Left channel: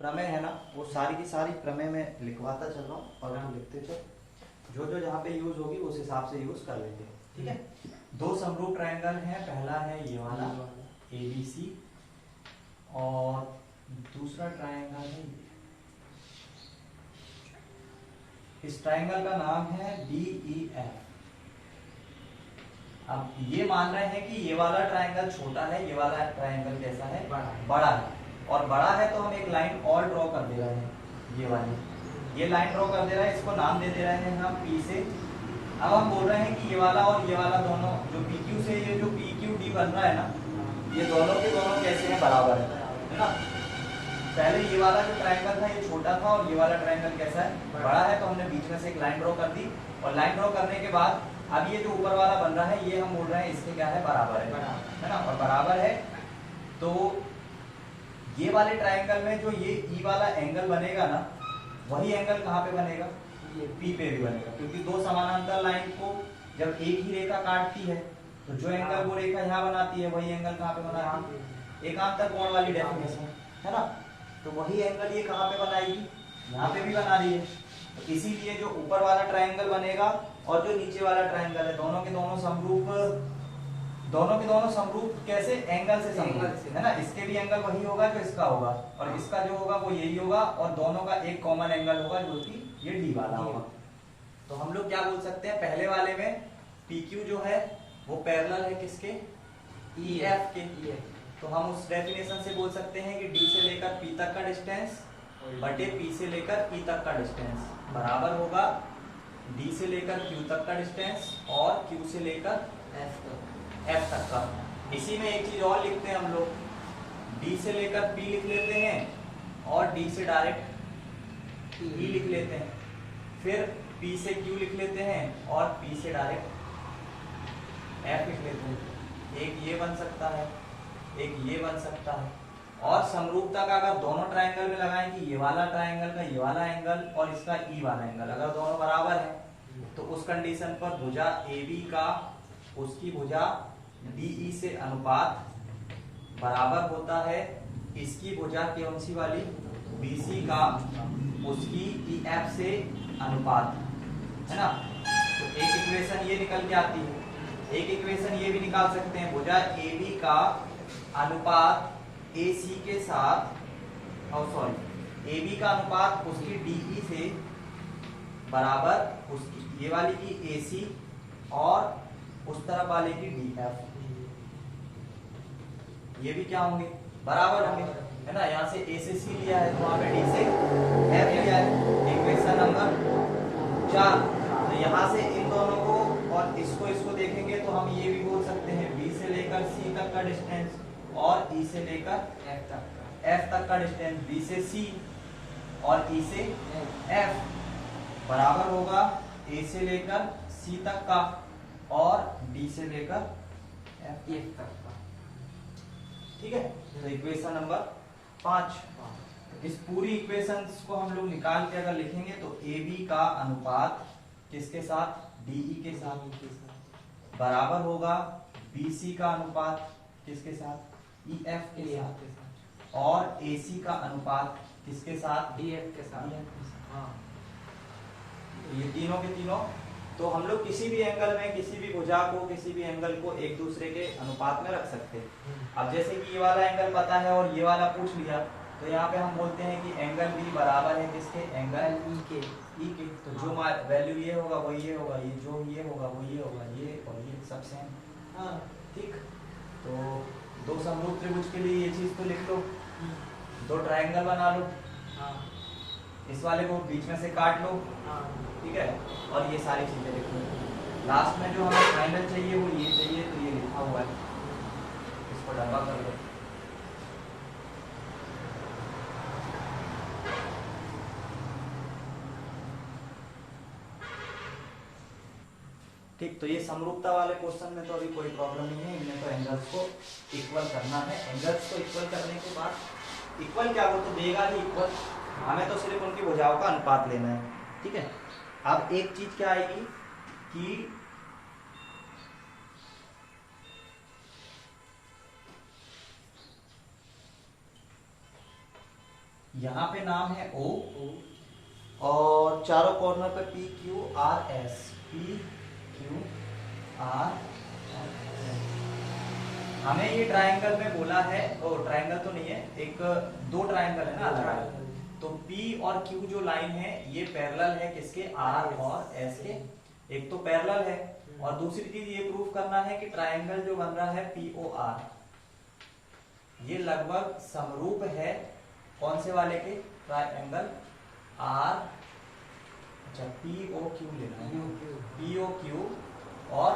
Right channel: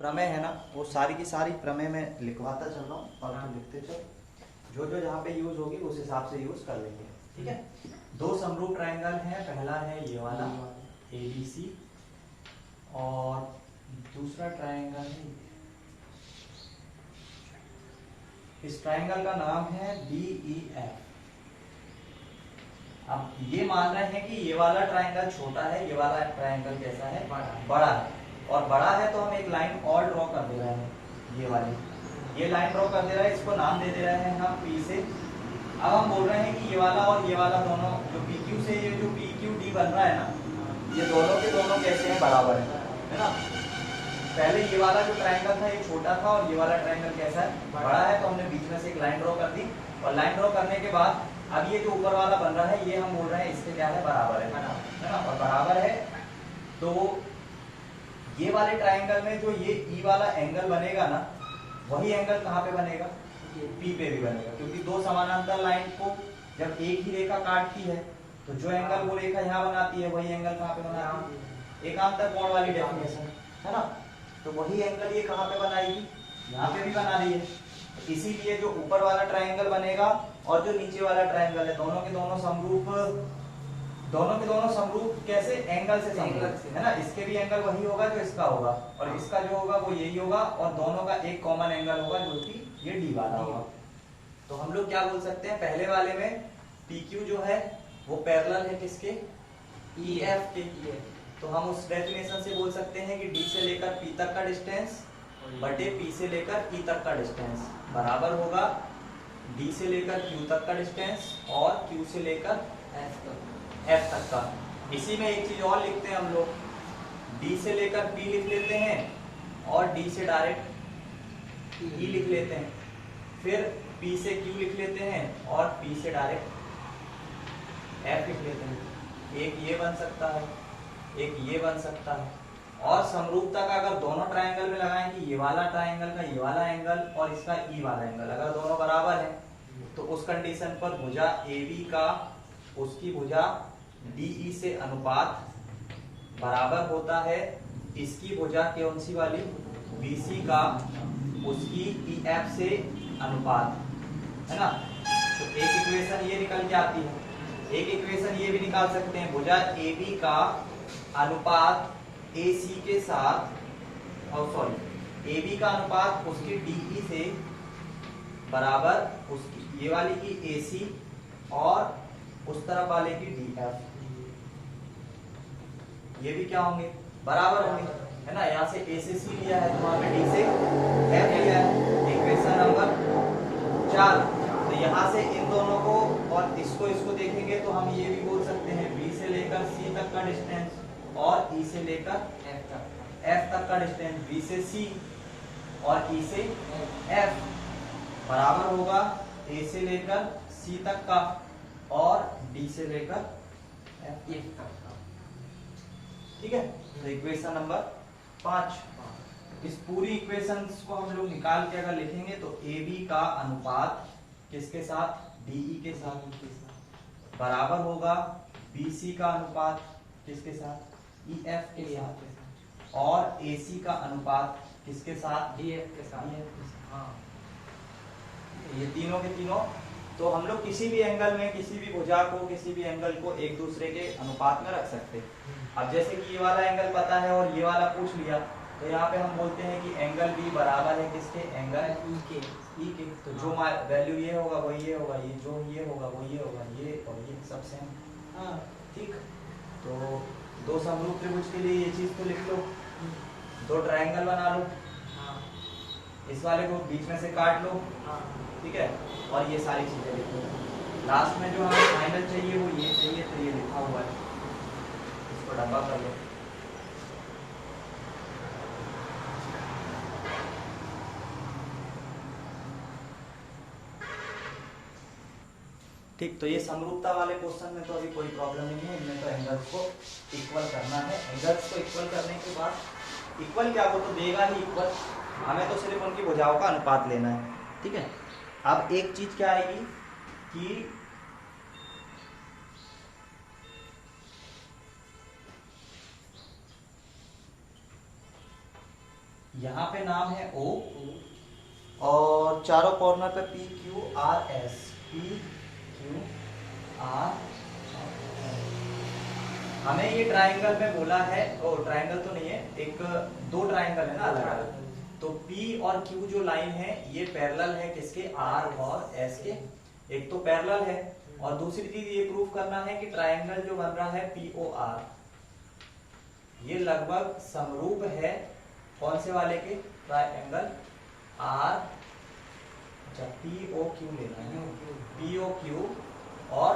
प्रमेय है ना, वो सारी की सारी प्रमेय में लिखवाता चल रहा हूँ और हम लिखते चल, जो जो जहाँ पे यूज होगी उस हिसाब से यूज कर लेंगे। ठीक है, दो समरूप ट्रायंगल हैं, पहला है ये वाला ABC और दूसरा ट्रायंगल है ये। इस ट्रायंगल का नाम है DEF। अब ये मान रहे हैं कि ये वाला ट्रायंगल छोटा है, ये वाला ट्रायंगल कैसा है, बड़ा है। और बड़ा है तो हम एक लाइन और ड्रॉ कर दे रहे हैं, ये वाली, ये लाइन ड्रॉ कर दे रहे हैं, इसको नाम दे दे रहे हैं हम P से। अब हम बोल रहे हैं कि ये वाला और ये वाला दोनों जो PQ से ये जो PQD बन रहा है ना, ये दोनों के दोनों कैसे हैं, बराबर है ना। पहले ये वाला जो ट्रायंगल था ये छोटा था और ये वाला ट्रायंगल कैसा है, बड़ा है, तो हमने बीच में से एक लाइन ड्रॉ कर दी। और लाइन ड्रॉ करने के बाद अब ये जो ऊपर वाला बन रहा है ये हम बोल रहे हैं इसके क्या है, बराबर है ना। और बराबर है तो ये वाले ट्रायंगल में जो ये ई वाला एंगल बनेगा ना, वही एंगल कहाँ पे बनेगा, P पे भी बनेगा, क्योंकि दो समानांतर लाइन को जब एक ही रेखा काटती है तो जो एंगल वो रेखा यहाँ बनाती है वही एंगल कहाँ पे बनाती है, एकांतर कोण वाली डेफिनेशन है ना। तो वही एंगल ये कहाँ पे बनाएगी, यहाँ पे भी बना रही है। तो इसीलिए जो ऊपर वाला ट्रायंगल बनेगा और जो नीचे वाला ट्रायंगल है, दोनों के दोनों समरूप, दोनों के दोनों समरूप कैसे, एंगल से समरूप है ना। इसके भी एंगल वही होगा जो इसका होगा और इसका जो होगा वो यही होगा और दोनों का एक कॉमन एंगल होगा जो कि ये डी वाला होगा। तो हम लोग क्या बोल सकते हैं, पहले वाले में PQ जो है वो पैरेलल है किसके, EF के। तो हम उस डेफिनेशन से बोल सकते हैं कि D से लेकर P तक का डिस्टेंस बटे P से लेकर E तक का डिस्टेंस बराबर होगा D से लेकर Q तक का डिस्टेंस और Q से लेकर F तक का। इसी में एक चीज और लिखते हैं हम लोग, D से लेकर P लिख लेते हैं और D से डायरेक्ट E लिख लेते हैं, फिर P से Q लिख लेते हैं और P से डायरेक्ट F लिख लेते हैं। एक ये बन सकता है, एक ये बन सकता है। और समरूपता का अगर दोनों ट्रायंगल में लगाएं कि ये वाला ट्रायंगल का ये वाला एंगल और इसका ई वाला एंगल अगर दोनों बराबर है तो उस कंडीशन पर भुजा AB का उसकी भुजा DE से अनुपात बराबर होता है इसकी भुजा कौन सी वाली, BC का उसकी EF से अनुपात, है ना। तो एक इक्वेशन ये निकल के आती है, एक इक्वेशन ये भी निकाल सकते हैं, भुजा AB का अनुपात AC के साथ, और सॉरी AB का अनुपात उसकी DE से बराबर उसकी ये वाली की AC और उस तरफ वाले की DF, ये भी क्या होंगे, बराबर होंगे, है ना। यहाँ से A से C लिया है तो वहां पे D से F लिया है, इक्वेशन नंबर 4। तो यहाँ से इन दोनों को और इसको देखेंगे तो हम ये भी बोल सकते हैं B से लेकर C तक का डिस्टेंस और E से लेकर F तक का डिस्टेंस, B से C और E से F बराबर होगा A से लेकर C तक का और D से लेकर F तक का। ठीक है, तो इक्वेशन नंबर 5। इस पूरी इक्वेशंस को हम लोग निकाल के अगर लिखेंगे तो AB का अनुपात किसके साथ, DE के साथ बराबर होगा BC का अनुपात किसके साथ, EF के साथ और AC का अनुपात किसके साथ, DF के साथ। हाँ, ये तीनों के तीनों। तो हम लोग किसी भी एंगल में किसी भी भुजा को किसी भी एंगल को एक दूसरे के अनुपात में रख सकते हैं। अब जैसे कि ये वाला एंगल पता है और ये वाला पूछ लिया तो यहाँ पे हम बोलते हैं कि एंगल B बराबर है किसके, एंगल E के। तो जो वैल्यू ये होगा वो ये होगा, ये जो ये होगा वो ये होगा, ये और ये सब सेम। हाँ ठीक, तो दो समरूप त्रिभुज के लिए ये चीज तो लिख लो, दो ट्रायंगल बना लो, इस वाले को बीच में से काट लो, ठीक है, और ये सारी चीजें लिख लो। लास्ट में जो हमें फाइनल चाहिए वो ये चाहिए, तो ये लिखा हुआ है, इसको डब्बा कर लो। ठीक, तो ये समरूपता वाले क्वेश्चन में तो अभी कोई प्रॉब्लम नहीं है, इनमें तो एंगल्स को इक्वल करना है। एंगल्स को इक्वल करने के बाद इक्वल क्या वो तो देगा ही इक्वल, हमें तो सिर्फ उनकी भुजाओं का अनुपात लेना है। ठीक है, अब एक चीज क्या आएगी कि यहाँ पे नाम है O, और चारों कॉर्नर पे P Q R S, P Q R S। हमें ये ट्राइंगल में बोला है, ओ ट्राइंगल तो नहीं है, एक दो ट्राइंगल है ना अलग अलग, तो P और Q जो लाइन है ये पैरेलल है किसके, R और S के, एक तो पैरेलल है, और दूसरी चीज ये प्रूफ करना है कि ट्राइंगल जो बन रहा है POR ये लगभग समरूप है कौन से वाले के, ट्राइंगल R, अच्छा POQ लेना है, POQ और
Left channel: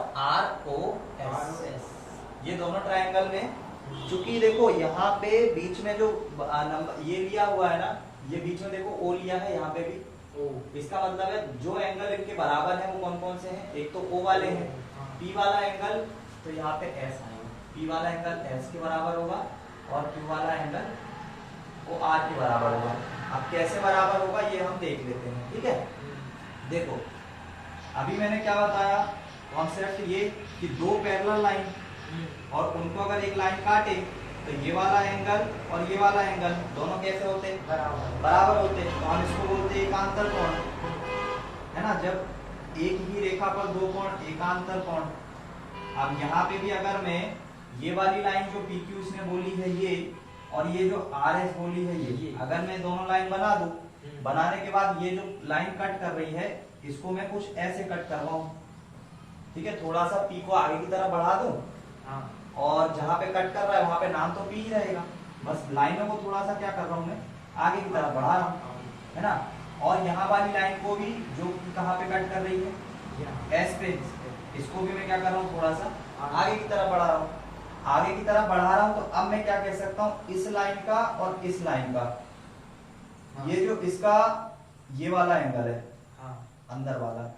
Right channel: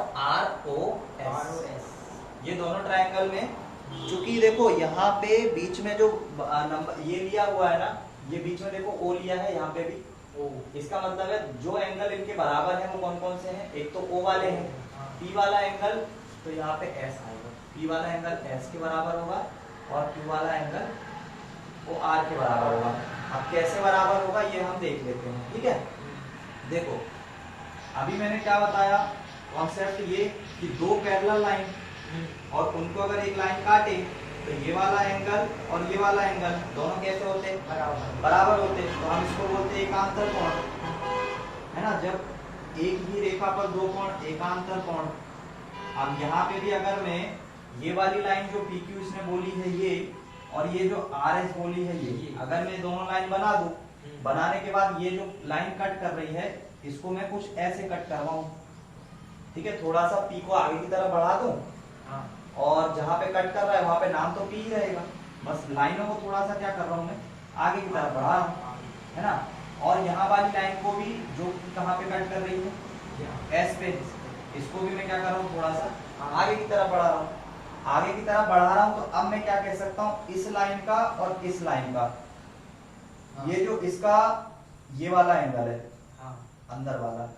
ROS, ये दोनों ट्राइंगल में, चूंकि देखो यहाँ पे बीच में जो नंबर ये लिया हुआ है ना, ये बीच में देखो O लिया है, यहाँ पे भी O, इसका मतलब है जो एंगल इनके बराबर है वो कौन कौन से हैं, एक तो O वाले हैं, P वाला एंगल तो यहाँ पे S आएगा, P वाला एंगल S के बराबर होगा और Q वाला एंगल वो R के बराबर होगा। अब कैसे बराबर होगा ये हम देख लेते हैं, ठीक है। देखो अभी मैंने क्या बताया कॉन्सेप्ट, ये कि दो पैरेलल लाइन और उनको अगर एक लाइन काटे तो ये वाला एंगल और ये वाला एंगल दोनों कैसे होते हैं, बराबर होते हैं, तो हम इसको बोलते हैं एकांतर कोण, है ना। जब एक ही रेखा पर दो कोण एकांतर कोण। अब यहाँ पे भी अगर मैं ये वाली लाइन जो PQ इसने बोली है ये, और ये जो RS बोली है ये, अगर मैं दोनों लाइन बना दूं, बनाने के बाद ये जो लाइन कट कर रही है इसको मैं कुछ ऐसे कट करवाऊं, ठीक है, थोड़ा सा P को आगे की तरफ बढ़ा दूं, और जहां पे कट कर रहा है वहां पे नाम तो P ही रहेगा, बस लाइनों को थोड़ा सा क्या कर रहा हूं मैं, आगे की तरफ बढ़ा रहा हूं, है ना। और यहाँ वाली लाइन को भी जो कहाँ पे कट कर रही है S पे, इसको भी मैं क्या कर रहा हूँ, थोड़ा सा आगे की तरफ बढ़ा रहा हूँ, आगे की तरफ बढ़ा रहा हूँ। तो अब मैं क्या कह सकता हूँ, इस लाइन का और इस लाइन का, ये जो इसका ये वाला एंगल है अंदर वाला,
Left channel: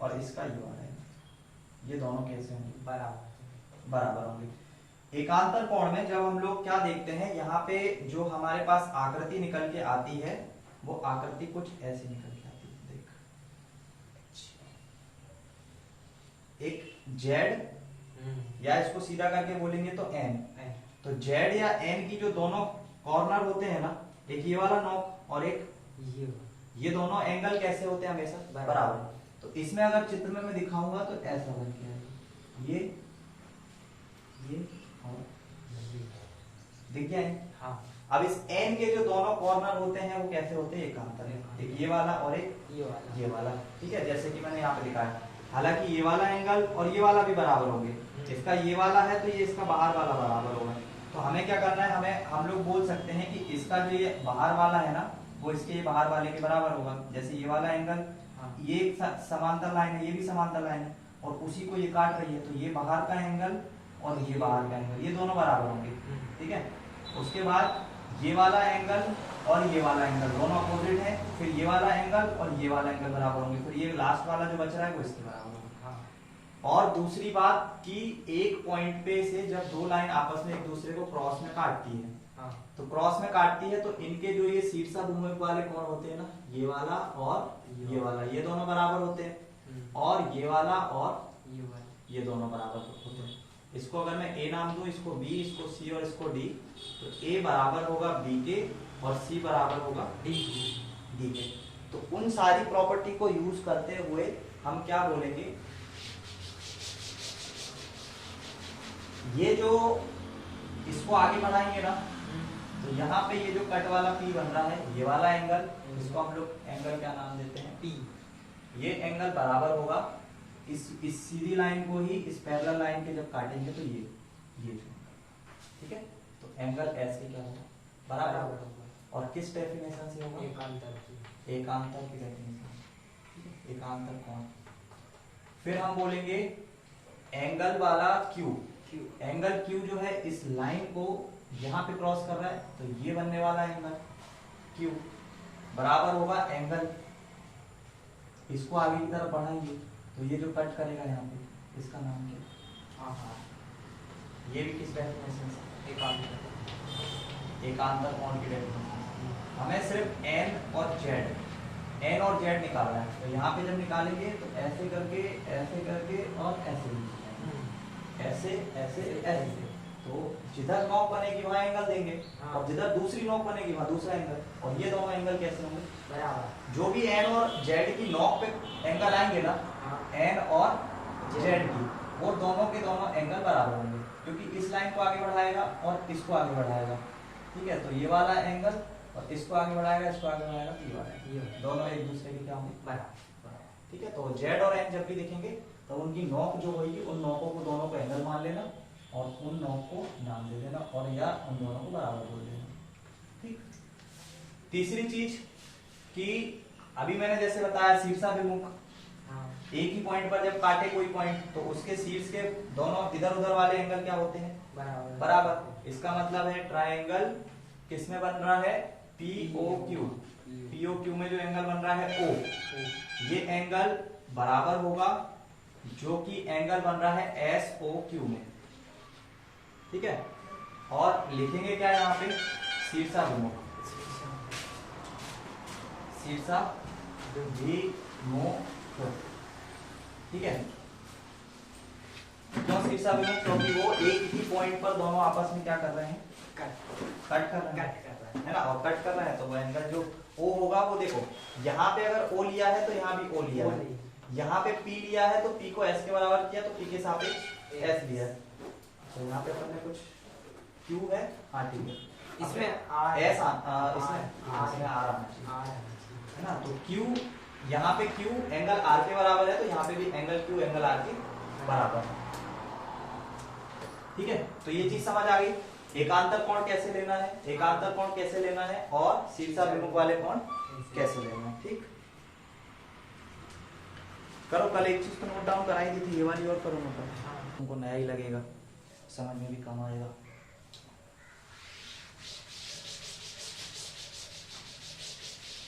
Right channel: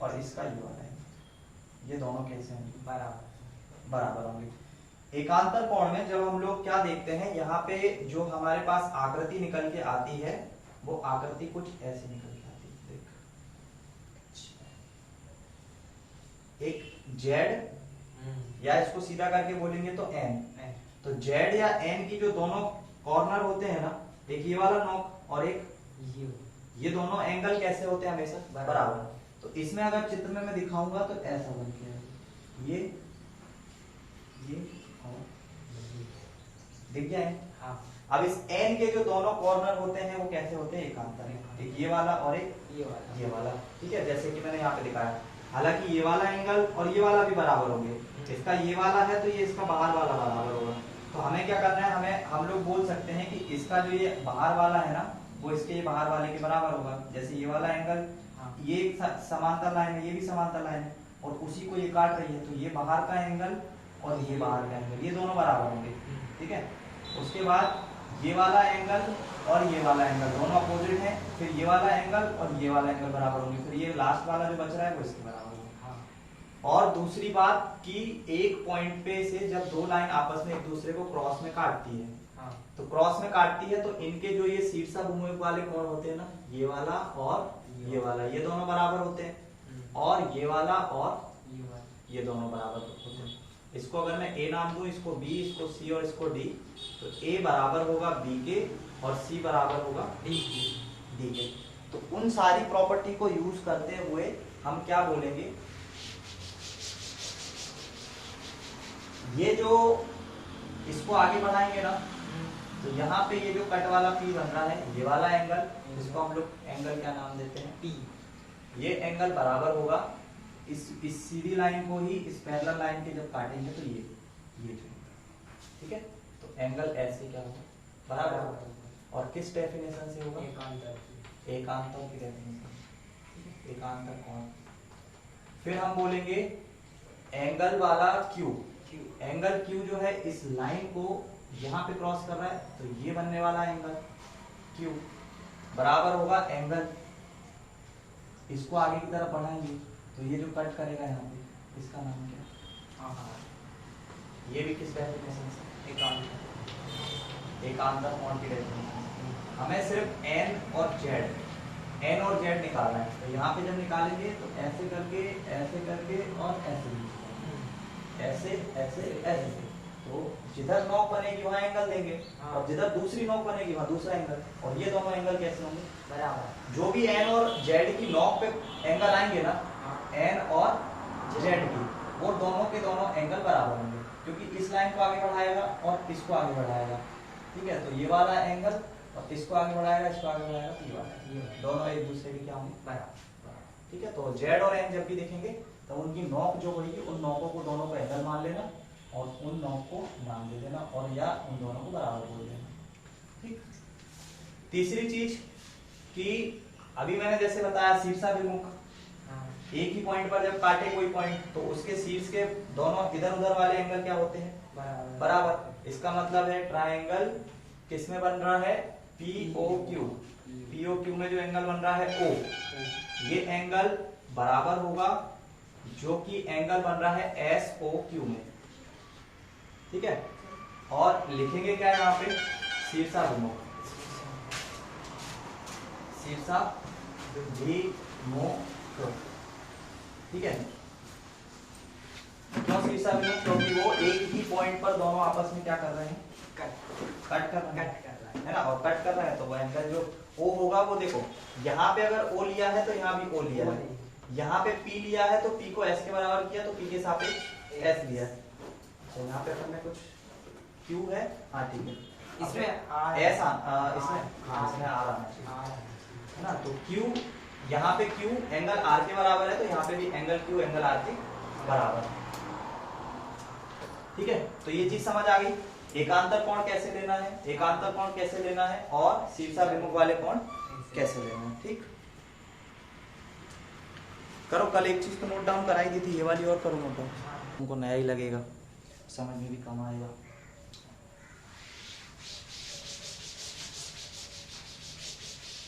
और इसका ये वाला एंगल, ये दोनों कैसे होंगे, बराबर होंगे। एकांतर कोण में जब हम लोग क्या देखते हैं, यहाँ पे जो हमारे पास आकृति निकल के आती है वो आकृति कुछ ऐसे निकल के आती है, देख, एक Z, या इसको सीधा करके बोलेंगे तो N, तो Z या N की जो दोनों कॉर्नर होते हैं ना, एक ये वाला नोक और एक ये दोनों एंगल कैसे होते हैं, हमेशा बराबर। तो इसमें अगर चित्र में मैं दिखाऊंगा तो ऐसा बन के आएगा, ये और दिख गया है। हाँ। अब इस N के जो दोनों कॉर्नर होते हैं वो कैसे होते हैं, एकांतर, एक ये वाला और एक ये वाला, ठीक है, जैसे कि मैंने यहाँ पे दिखाया। हालांकि ये वाला एंगल और ये वाला भी बराबर होंगे, इसका ये वाला है तो ये इसका बाहर वाला बराबर होगा। तो हमें क्या करना है, हम लोग बोल सकते हैं कि इसका जो ये बाहर वाला है ना वो इसके ये बाहर वाले के बराबर होगा। जैसे ये वाला एंगल, ये समांतर लाइन है, ये भी समांतर लाइन है, और उसी को ये काट रही है, तो ये बाहर का एंगल और ये बाहर का एंगल, ये दोनों बराबर होंगे, ठीक है। उसके बाद ये वाला एंगल और ये वाला एंगल दोनों अपोजिट है, फिर ये वाला एंगल और ये वाला एंगल बराबर होंगे, फिर ये लास्ट वाला जो बच रहा है वो इसके बराबर होगा। और दूसरी बात कि एक पॉइंट पे से जब दो लाइन आपस में एक दूसरे को क्रॉस में काटती है, तो क्रॉस में काटती है तो इनके जो ये शीर्षाभिमुख वाले कोण होते हैं ना, ये वाला और ये वाला, ये दोनों बराबर होते हैं, और ये वाला और ये दोनों बराबर होते हैं। इसको अगर मैं A नाम दूं, इसको B, इसको C और इसको D, तो A बराबर होगा B के और C बराबर होगा D के। तो उन सारी प्रॉपर्टी को यूज करते हुए हम क्या बोलेंगे, ये जो इसको आगे बढ़ाएंगे ना, तो यहाँ पे ये जो कट वाला P बन रहा है, ये वाला एंगल, इसको हम लोग एंगल क्या नाम देते हैं, P, ये एंगल बराबर होगा इस सीधी लाइन को ही इस पैरेलल लाइन के जब काटेंगे तो ये जो एंगल, ठीक है। तो एंगल ऐसे क्या होगा, बराबर होगा, और किस डेफिनेशन से होगा, एकांतर की डेफिनेशन, एकांतर कोण। फिर हम बोलेंगे एंगल वाला Q, एंगल Q जो है इस लाइन को यहाँ पे क्रॉस कर रहा है, तो ये बनने वाला एंगल Q बराबर होगा एंगल, इसको आगे की तरफ बढ़ाएंगे तो ये जो कट करेगा यहाँ पे इसका नाम क्या, ये भी किस डेफिनेशन से, एकांतर कोण की डेफिनेशन से। हमें सिर्फ N और Z निकालना है, तो यहाँ पे जब निकालेंगे तो ऐसे करके और ऐसे, ऐसे ऐसे ऐसे, तो जिधर नॉक बनेगी वहां एंगल देंगे, और जिधर दूसरी नॉक बनेगी वहां दूसरा एंगल, और ये दोनों एंगल कैसे होंगे? बराबर। जो भी एन और जेड की नॉक पे एंगल आएंगे ना, एन और जेड की, वो दोनों के दोनों एंगल बराबर होंगे, क्योंकि इस लाइन को आगे बढ़ाएगा और इसको आगे बढ़ाएगा। ठीक है, तो ये वाला एंगल और इसको आगे बढ़ाएगा, इसको आगे बढ़ाएगा, तो ये वाला, दोनों एक दूसरे के क्या होंगे? बराबर। ठीक है, तो जेड और एन जब भी देखेंगे तो उनकी नॉक जो होगी, उन नॉकों को दोनों को एंगल मान लेना और उन नॉक को नाम दे देना, और या उन दोनों को बराबर बोल देना। ठीक। तीसरी चीज कि अभी मैंने जैसे बताया शीर्षाभिमुख, एक ही पॉइंट पर जब काटे कोई पॉइंट तो उसके शीर्ष के दोनों इधर उधर वाले एंगल क्या होते हैं? बराबर। इसका मतलब है ट्रायंगल किस में बन रहा है? POQ। POQ में जो एंगल बन रहा है O, ये एंगल बराबर होगा जो कि एंगल बन रहा है SOQ में। ठीक है, और लिखेंगे क्या यहाँ पे? शीर्षाभिमुख। शीर्षाभिमुख। ठीक है, क्यों शीर्षाभिमुख? क्योंकि वो एक ही पॉइंट पर दोनों आपस में क्या कर रहे हैं? कट कर रहे हैं, है ना, और कट कर रहे हैं, तो वो एंगल जो O होगा, वो देखो यहाँ पे अगर O लिया है तो यहाँ भी O लिया है, यहाँ पे P लिया है तो P को S के बराबर किया तो P के सापेक्ष S लिया है, तो यहाँ पे अपन ने कुछ Q है, हाँ ठीक है, इसमें S इसमें R आना चाहिए, है ना, तो Q, यहाँ पे Q एंगल R के बराबर है, तो यहाँ पे भी एंगल Q एंगल R के बराबर है। ठीक है, तो ये चीज समझ आ गई। एकांतर कोण कैसे लेना है, एकांतर कोण कैसे लेना है, और शीर्षाभिमुख वाले कोण कैसे लेना है। ठीक, करो, कल एक चीज को नोट डाउन कराई दी थी, ये वाली और करो नोट डाउन, तुमको नया ही लगेगा, समझ में भी कम आएगा।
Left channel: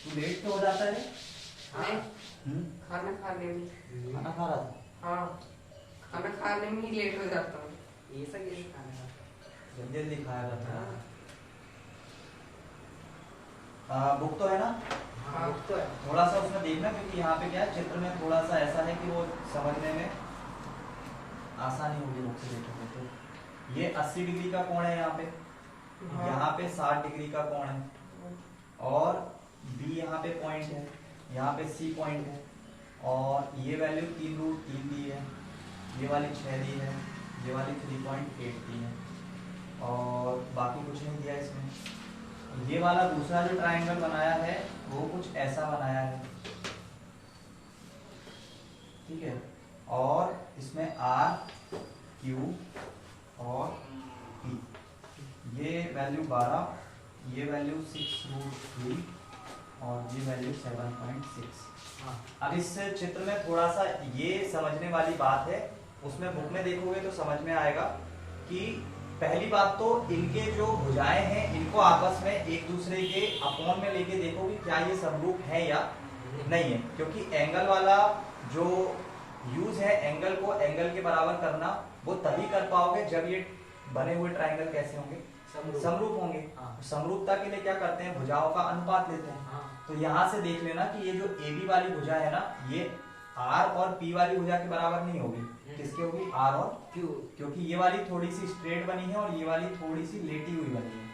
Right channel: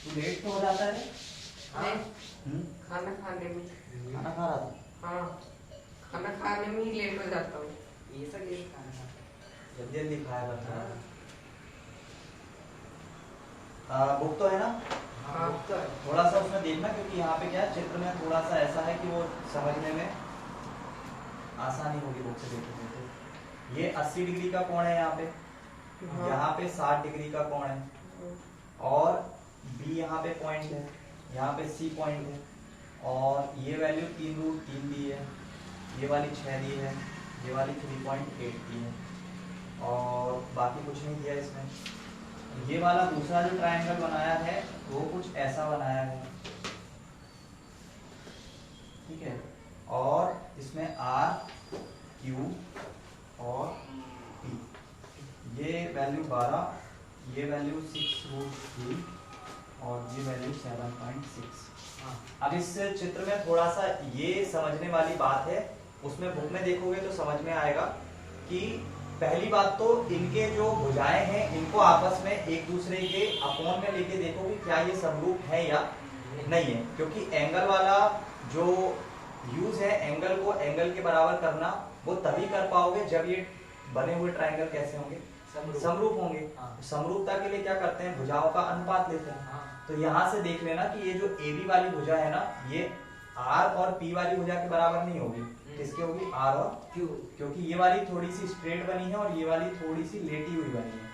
तू लेट तो हो जाता है? खाना खाने में। खाना खा रहा था? हाँ, खाना खाने में ही लेट हो जाता हूँ। ये सब ये खाना खाता जल्दी जल्दी खाया करता है। बुक तो है ना? हाँ, बुक तो है। थोड़ा सा उसमें देखना, क्योंकि यहाँ पे क्या है, चित्र में थोड़ा सा ऐसा है कि वो समझने में आसानी होगी बुक से देखने में। तो ये 80 डिग्री का कोण है यहाँ पे, यहाँ पे 60 डिग्री का कोण है, और B यहाँ पे पॉइंट है, यहाँ पे C पॉइंट है, और ये वैल्यू 3√3 दी है, ये वाली 6 दी है, ये वाली 3.8 दी है, और बाकी कुछ नहीं दिया इसमें। ये वाला दूसरा जो ट्रायंगल बनाया है वो कुछ ऐसा बनाया है। ठीक है, और इसमें R, Q और P, ये वैल्यू 12, ये वैल्यू 6√3 और ये वैल्यू 7.6। अब इस चित्र में थोड़ा सा ये समझने वाली बात है, उसमें बुक में देखोगे तो समझ में आएगा कि पहली बात तो इनके जो भुजाएं हैं इनको आपस में एक दूसरे के अपोन में लेके देखो कि क्या ये समरूप है या नहीं है, क्योंकि एंगल वाला जो यूज है एंगल को एंगल के बराबर करना, वो तभी कर पाओगे जब ये बने हुए ट्रायंगल कैसे होंगे? समरूप होंगे। समरूपता के लिए क्या करते हैं? भुजाओं का अनुपात लेते हैं। तो यहाँ से देख लेना कि ये जो AB वाली भुजा है ना, ये R और P वाली भुजा के बराबर नहीं होगी। किसकी होगी? R और Q, क्योंकि ये वाली थोड़ी सी स्ट्रेट बनी है और ये वाली थोड़ी सी लेटी हुई बनी है।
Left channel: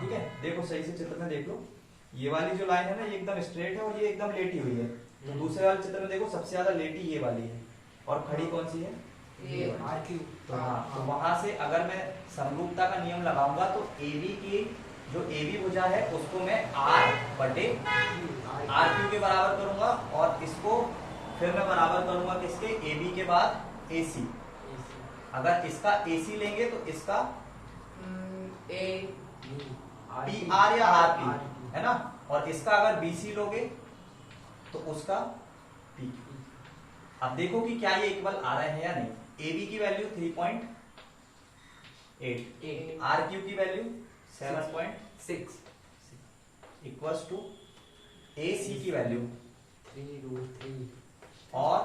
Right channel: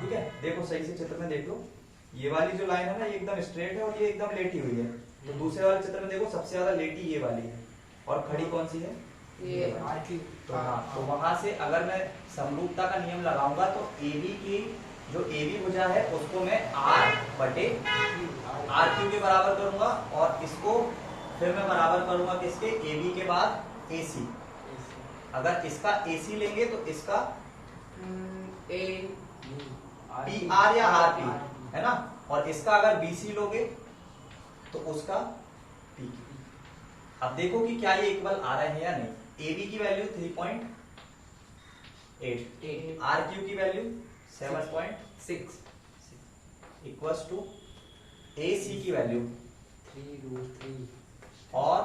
ठीक है, देखो सही से चित्र में देख लो, ये वाली जो लाइन है ना, ये एकदम स्ट्रेट है और ये एकदम लेटी हुई है। तो दूसरे वाले चित्र में देखो, सबसे ज्यादा लेटी ये वाली है और खड़ी कौन सी है? ये RQ। तो हाँ, तो वहां से अगर मैं समरूपता का नियम लगाऊंगा तो AB की जो AB भुजा है उसको मैं R/RQ के बराबर करूंगा, और इसको फिर मैं बराबर करूंगा किसके? AB के बाद AC। अगर इसका AC लेंगे तो इसका PR या RP है ना, और इसका अगर BC लोगे तो उसका P। अब देखो कि क्या ये इक्वल आ रहे हैं या नहीं। AB की वैल्यू 3.8, RQ की वैल्यू 7.6 इक्वल्स टू AC की वैल्यू 3√3 और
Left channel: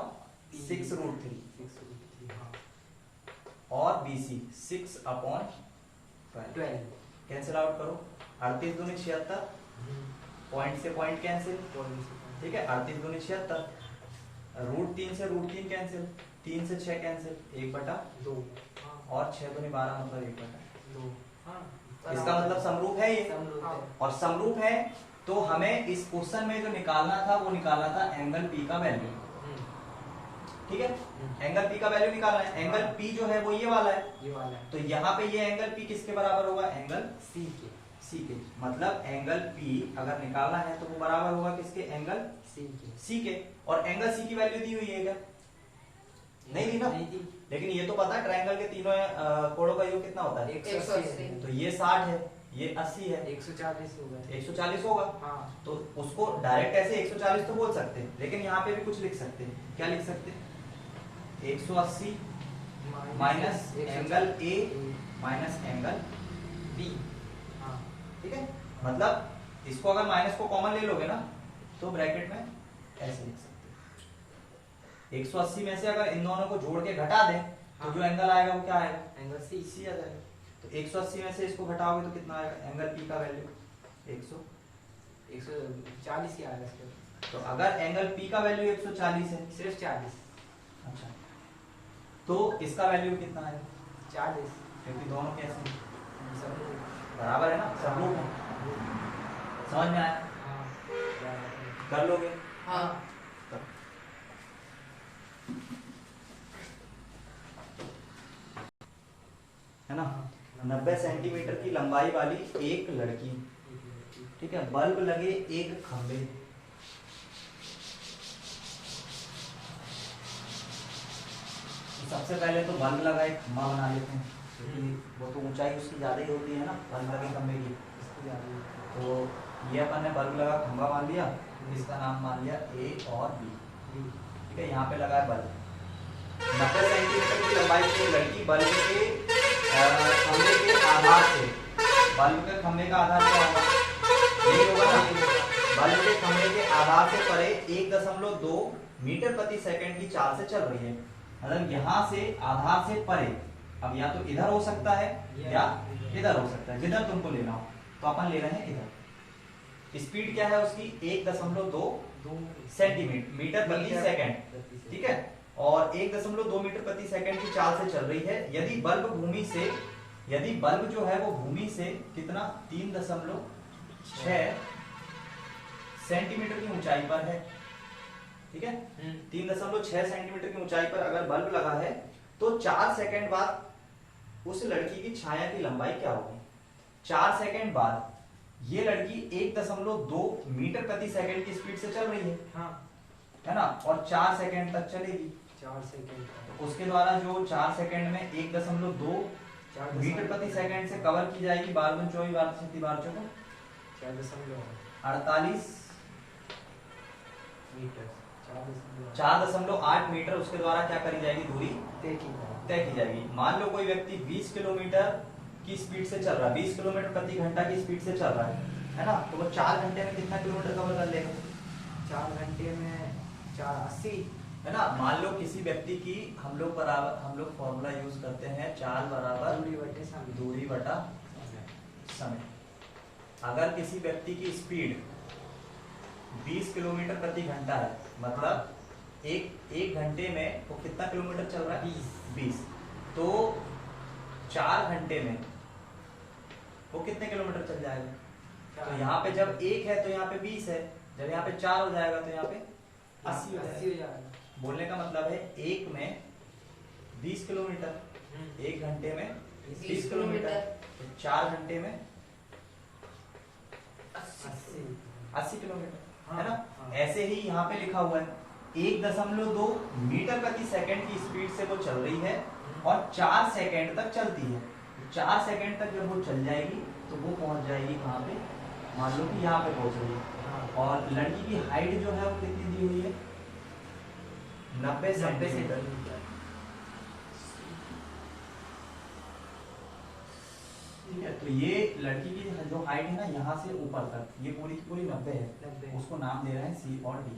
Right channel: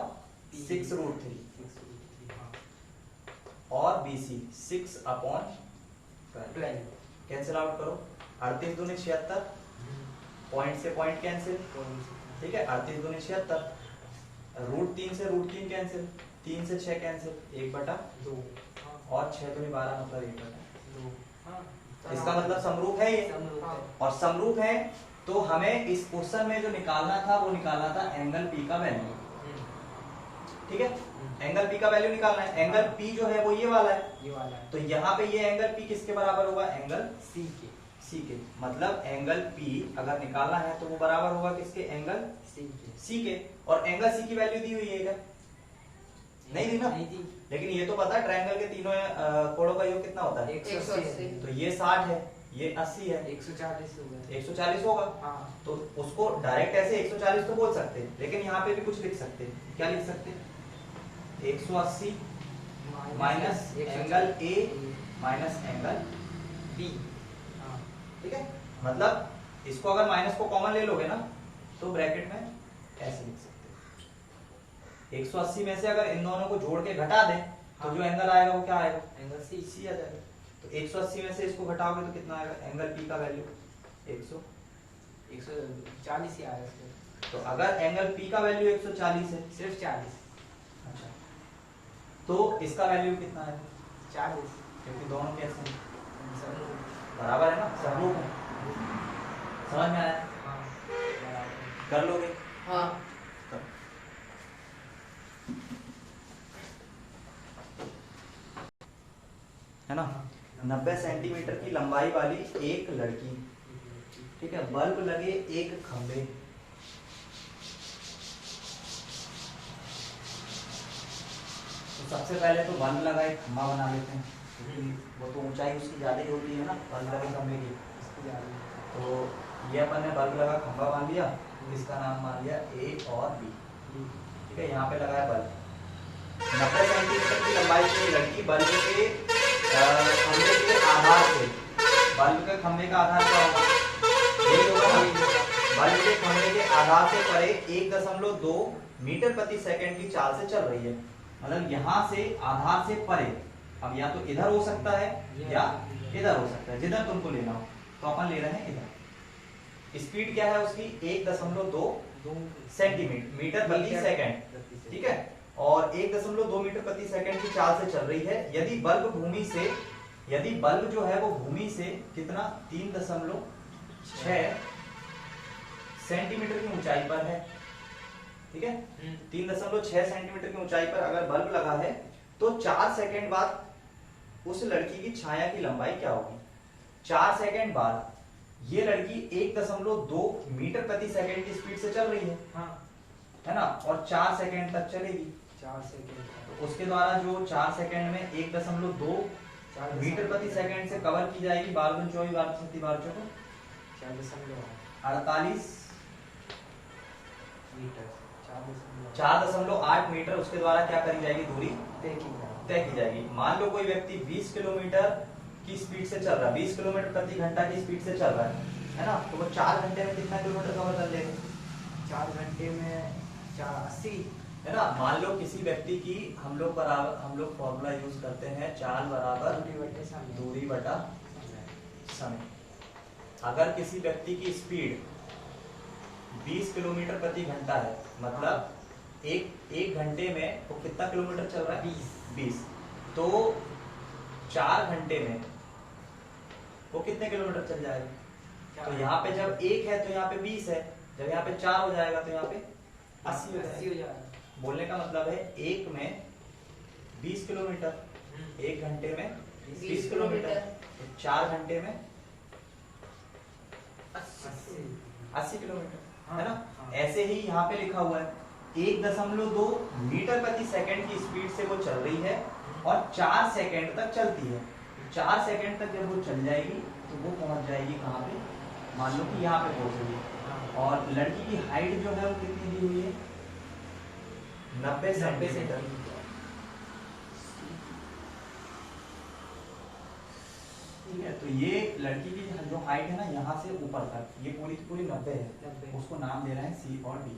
6√3 और BC 6/12। कैंसिल आउट करो, 38 दूनी 76, पॉइंट से पॉइंट कैंसिल। ठीक है, 38 दूनी 76, √3 से √3 कैंसिल, 3 से 6 कैंसिल, 1/2 और 6 दूनी 12 मतलब 1/2। 2 हाँ इसका मतलब समरूप है ये, समरूप है। और समरूप है तो हमें इस क्वेश्चन में जो निकालना था वो निकालना था एंगल पी का वैल्यू। ठीक है, एंगल पी का वैल्यू निकालना है। एंगल पी जो है वो ये वाला है, ये वाला है। तो यहाँ पे ये एंगल पी किसके बराबर होगा? एंगल सी के। सी के। मतलब एंगल पी अगर निकालना है तो वो बराबर होगा किसके? एंगल सी के। सी के। और एंगल सी की वैल्यू दी हुई है क्या? नहीं दी ना। नहीं दी। लेकिन ये तो पता है ट्रायंगल के तीनों कोणों का योग कितना होता है? 180। तो ये 60 है, ये 80 है, 140 होगा। 140 होगा। हाँ तो उसको डायरेक्ट ऐसे 140 तो बोल सकते हैं, लेकिन यहाँ पे भी कुछ लिख सकते हैं। क्या लिख सकते हैं? 180 minus angle A minus angle B. हाँ ठीक है, मतलब इसको अगर माइनस को कॉमन ले लोगे ना तो ब्रैकेट में ऐसे लिख सकते हैं। 180 में से अगर इन दोनों को जोड़ के घटा दें तो जो एंगल आएगा वो क्या आएगा? Angle C. सी आ जाएगा। तो 180 में से इसको घटाओगे तो कितना आएगा? एंगल पी का वैल्यू 140 ही आएगा इसके। तो अगर एंगल पी का वैल्यू 140 है, सिर्फ 40। अच्छा, तो इसका वैल्यू कितना है? 40। क्योंकि दोनों कैसे हैं? समरूप। बराबर है ना, समरूप है। समझ में आया? हाँ बराबर। कर लोगे? हाँ है ना। 90 सेंटीमीटर की लंबाई वाली एक लड़की, ठीक है, बल्ब लगे एक खंबे, तो सबसे पहले तो बल्ब लगा एक खंबा बना लेते हैं, क्योंकि वो तो ऊंचाई उसकी ज्यादा ही होती है ना बल्ब लगे खंबे की। इसकी ज्यादा। तो ये अपन ने बल्ब लगा खंबा मान लिया, इसका नाम मान लिया ए और बी। ठीक है, यहाँ पे लगा है बल्ब। 90 सेंटीमीटर की लंबाई की लड़की बल्ब के खंबे के आधार से, बल्ब के खंबे का आधार क्या होगा? ये होगा ना। बल्ब के खंबे के आधार से परे 1.2 मीटर प्रति सेकंड की चाल से चल रही है। मतलब यहाँ से आधार से परे, अब या तो इधर हो सकता है या इधर हो सकता है, जिधर तुमको लेना हो। तो अपन ले रहे हैं इधर। स्पीड क्या है उसकी? 1.2 सेंटीमीटर मीटर प्रति सेकंड। ठीक है, और 1.2 मीटर प्रति सेकंड की चाल से चल रही है। यदि बल्ब जो है वो भूमि से कितना? 3.6 सेंटीमीटर की ऊंचाई पर है। ठीक है, 3.6 सेंटीमीटर की ऊंचाई पर अगर बल्ब लगा है तो 4 सेकंड बाद उस लड़की की छाया की लंबाई क्या होगी? 4 सेकंड बाद ये लड़की 1.2 मीटर प्रति सेकंड की स्पीड से चल रही है। हाँ है ना, और 4 सेकंड तक चलेगी। 4 सेकंड। तो उसके द्वारा जो 4 सेकंड में 1.2 मीटर प्रति सेकंड से कवर की जाएगी 12 24 12 36 12 48 मीटर। 4.8 मीटर उसके द्वारा क्या करी जाएगी? दूरी तय की जाएगी। मान लो कोई व्यक्ति 20 किलोमीटर की स्पीड से चल रहा है, 20 किलोमीटर प्रति घंटा की स्पीड से चल रहा है ना, तो वो 4 घंटे में कितना किलोमीटर कवर कर लेगा? 4 घंटे में 480। है ना। मान लो किसी व्यक्ति की हम लोग फॉर्मूला यूज करते हैं, चाल बराबर दूरी बटा समय। अगर किसी व्यक्ति की स्पीड 20 किलोमीटर प्रति घंटा है, मतलब एक घंटे में वो कितना किलोमीटर चल रहा है? 20। तो 4 घंटे में वो कितने किलोमीटर चल जाएगा? तो यहाँ पे जब 1 है तो यहाँ पे 20 है, जब यहाँ पे 4 हो जाएगा तो यहाँ पे 80 हो जाएगा। बोलने का मतलब है 1 में 20 किलोमीटर, 1 घंटे में 20 किलोमीटर, तो 4 घंटे में 80 किलोमीटर। है ना। ऐसे ही यहाँ पे लिखा हुआ है 1.2 मीटर प्रति सेकंड की स्पीड से वो चल रही है और 4 सेकंड तक चलती है। 4 सेकंड तक जब वो चल जाएगी तो वो पहुंच जाएगी कहाँ पे? मान लो कि यहाँ पे पहुंच रही है। और लड़की की हाइट जो है वो कितनी दी हुई है? 90 सेंटीमीटर। ठीक है, तो ये लड़की की जो हाइट है ना यहाँ से ऊपर तक, ये पूरी पूरी 90 है। उसको नाम दे रहे हैं सी और डी।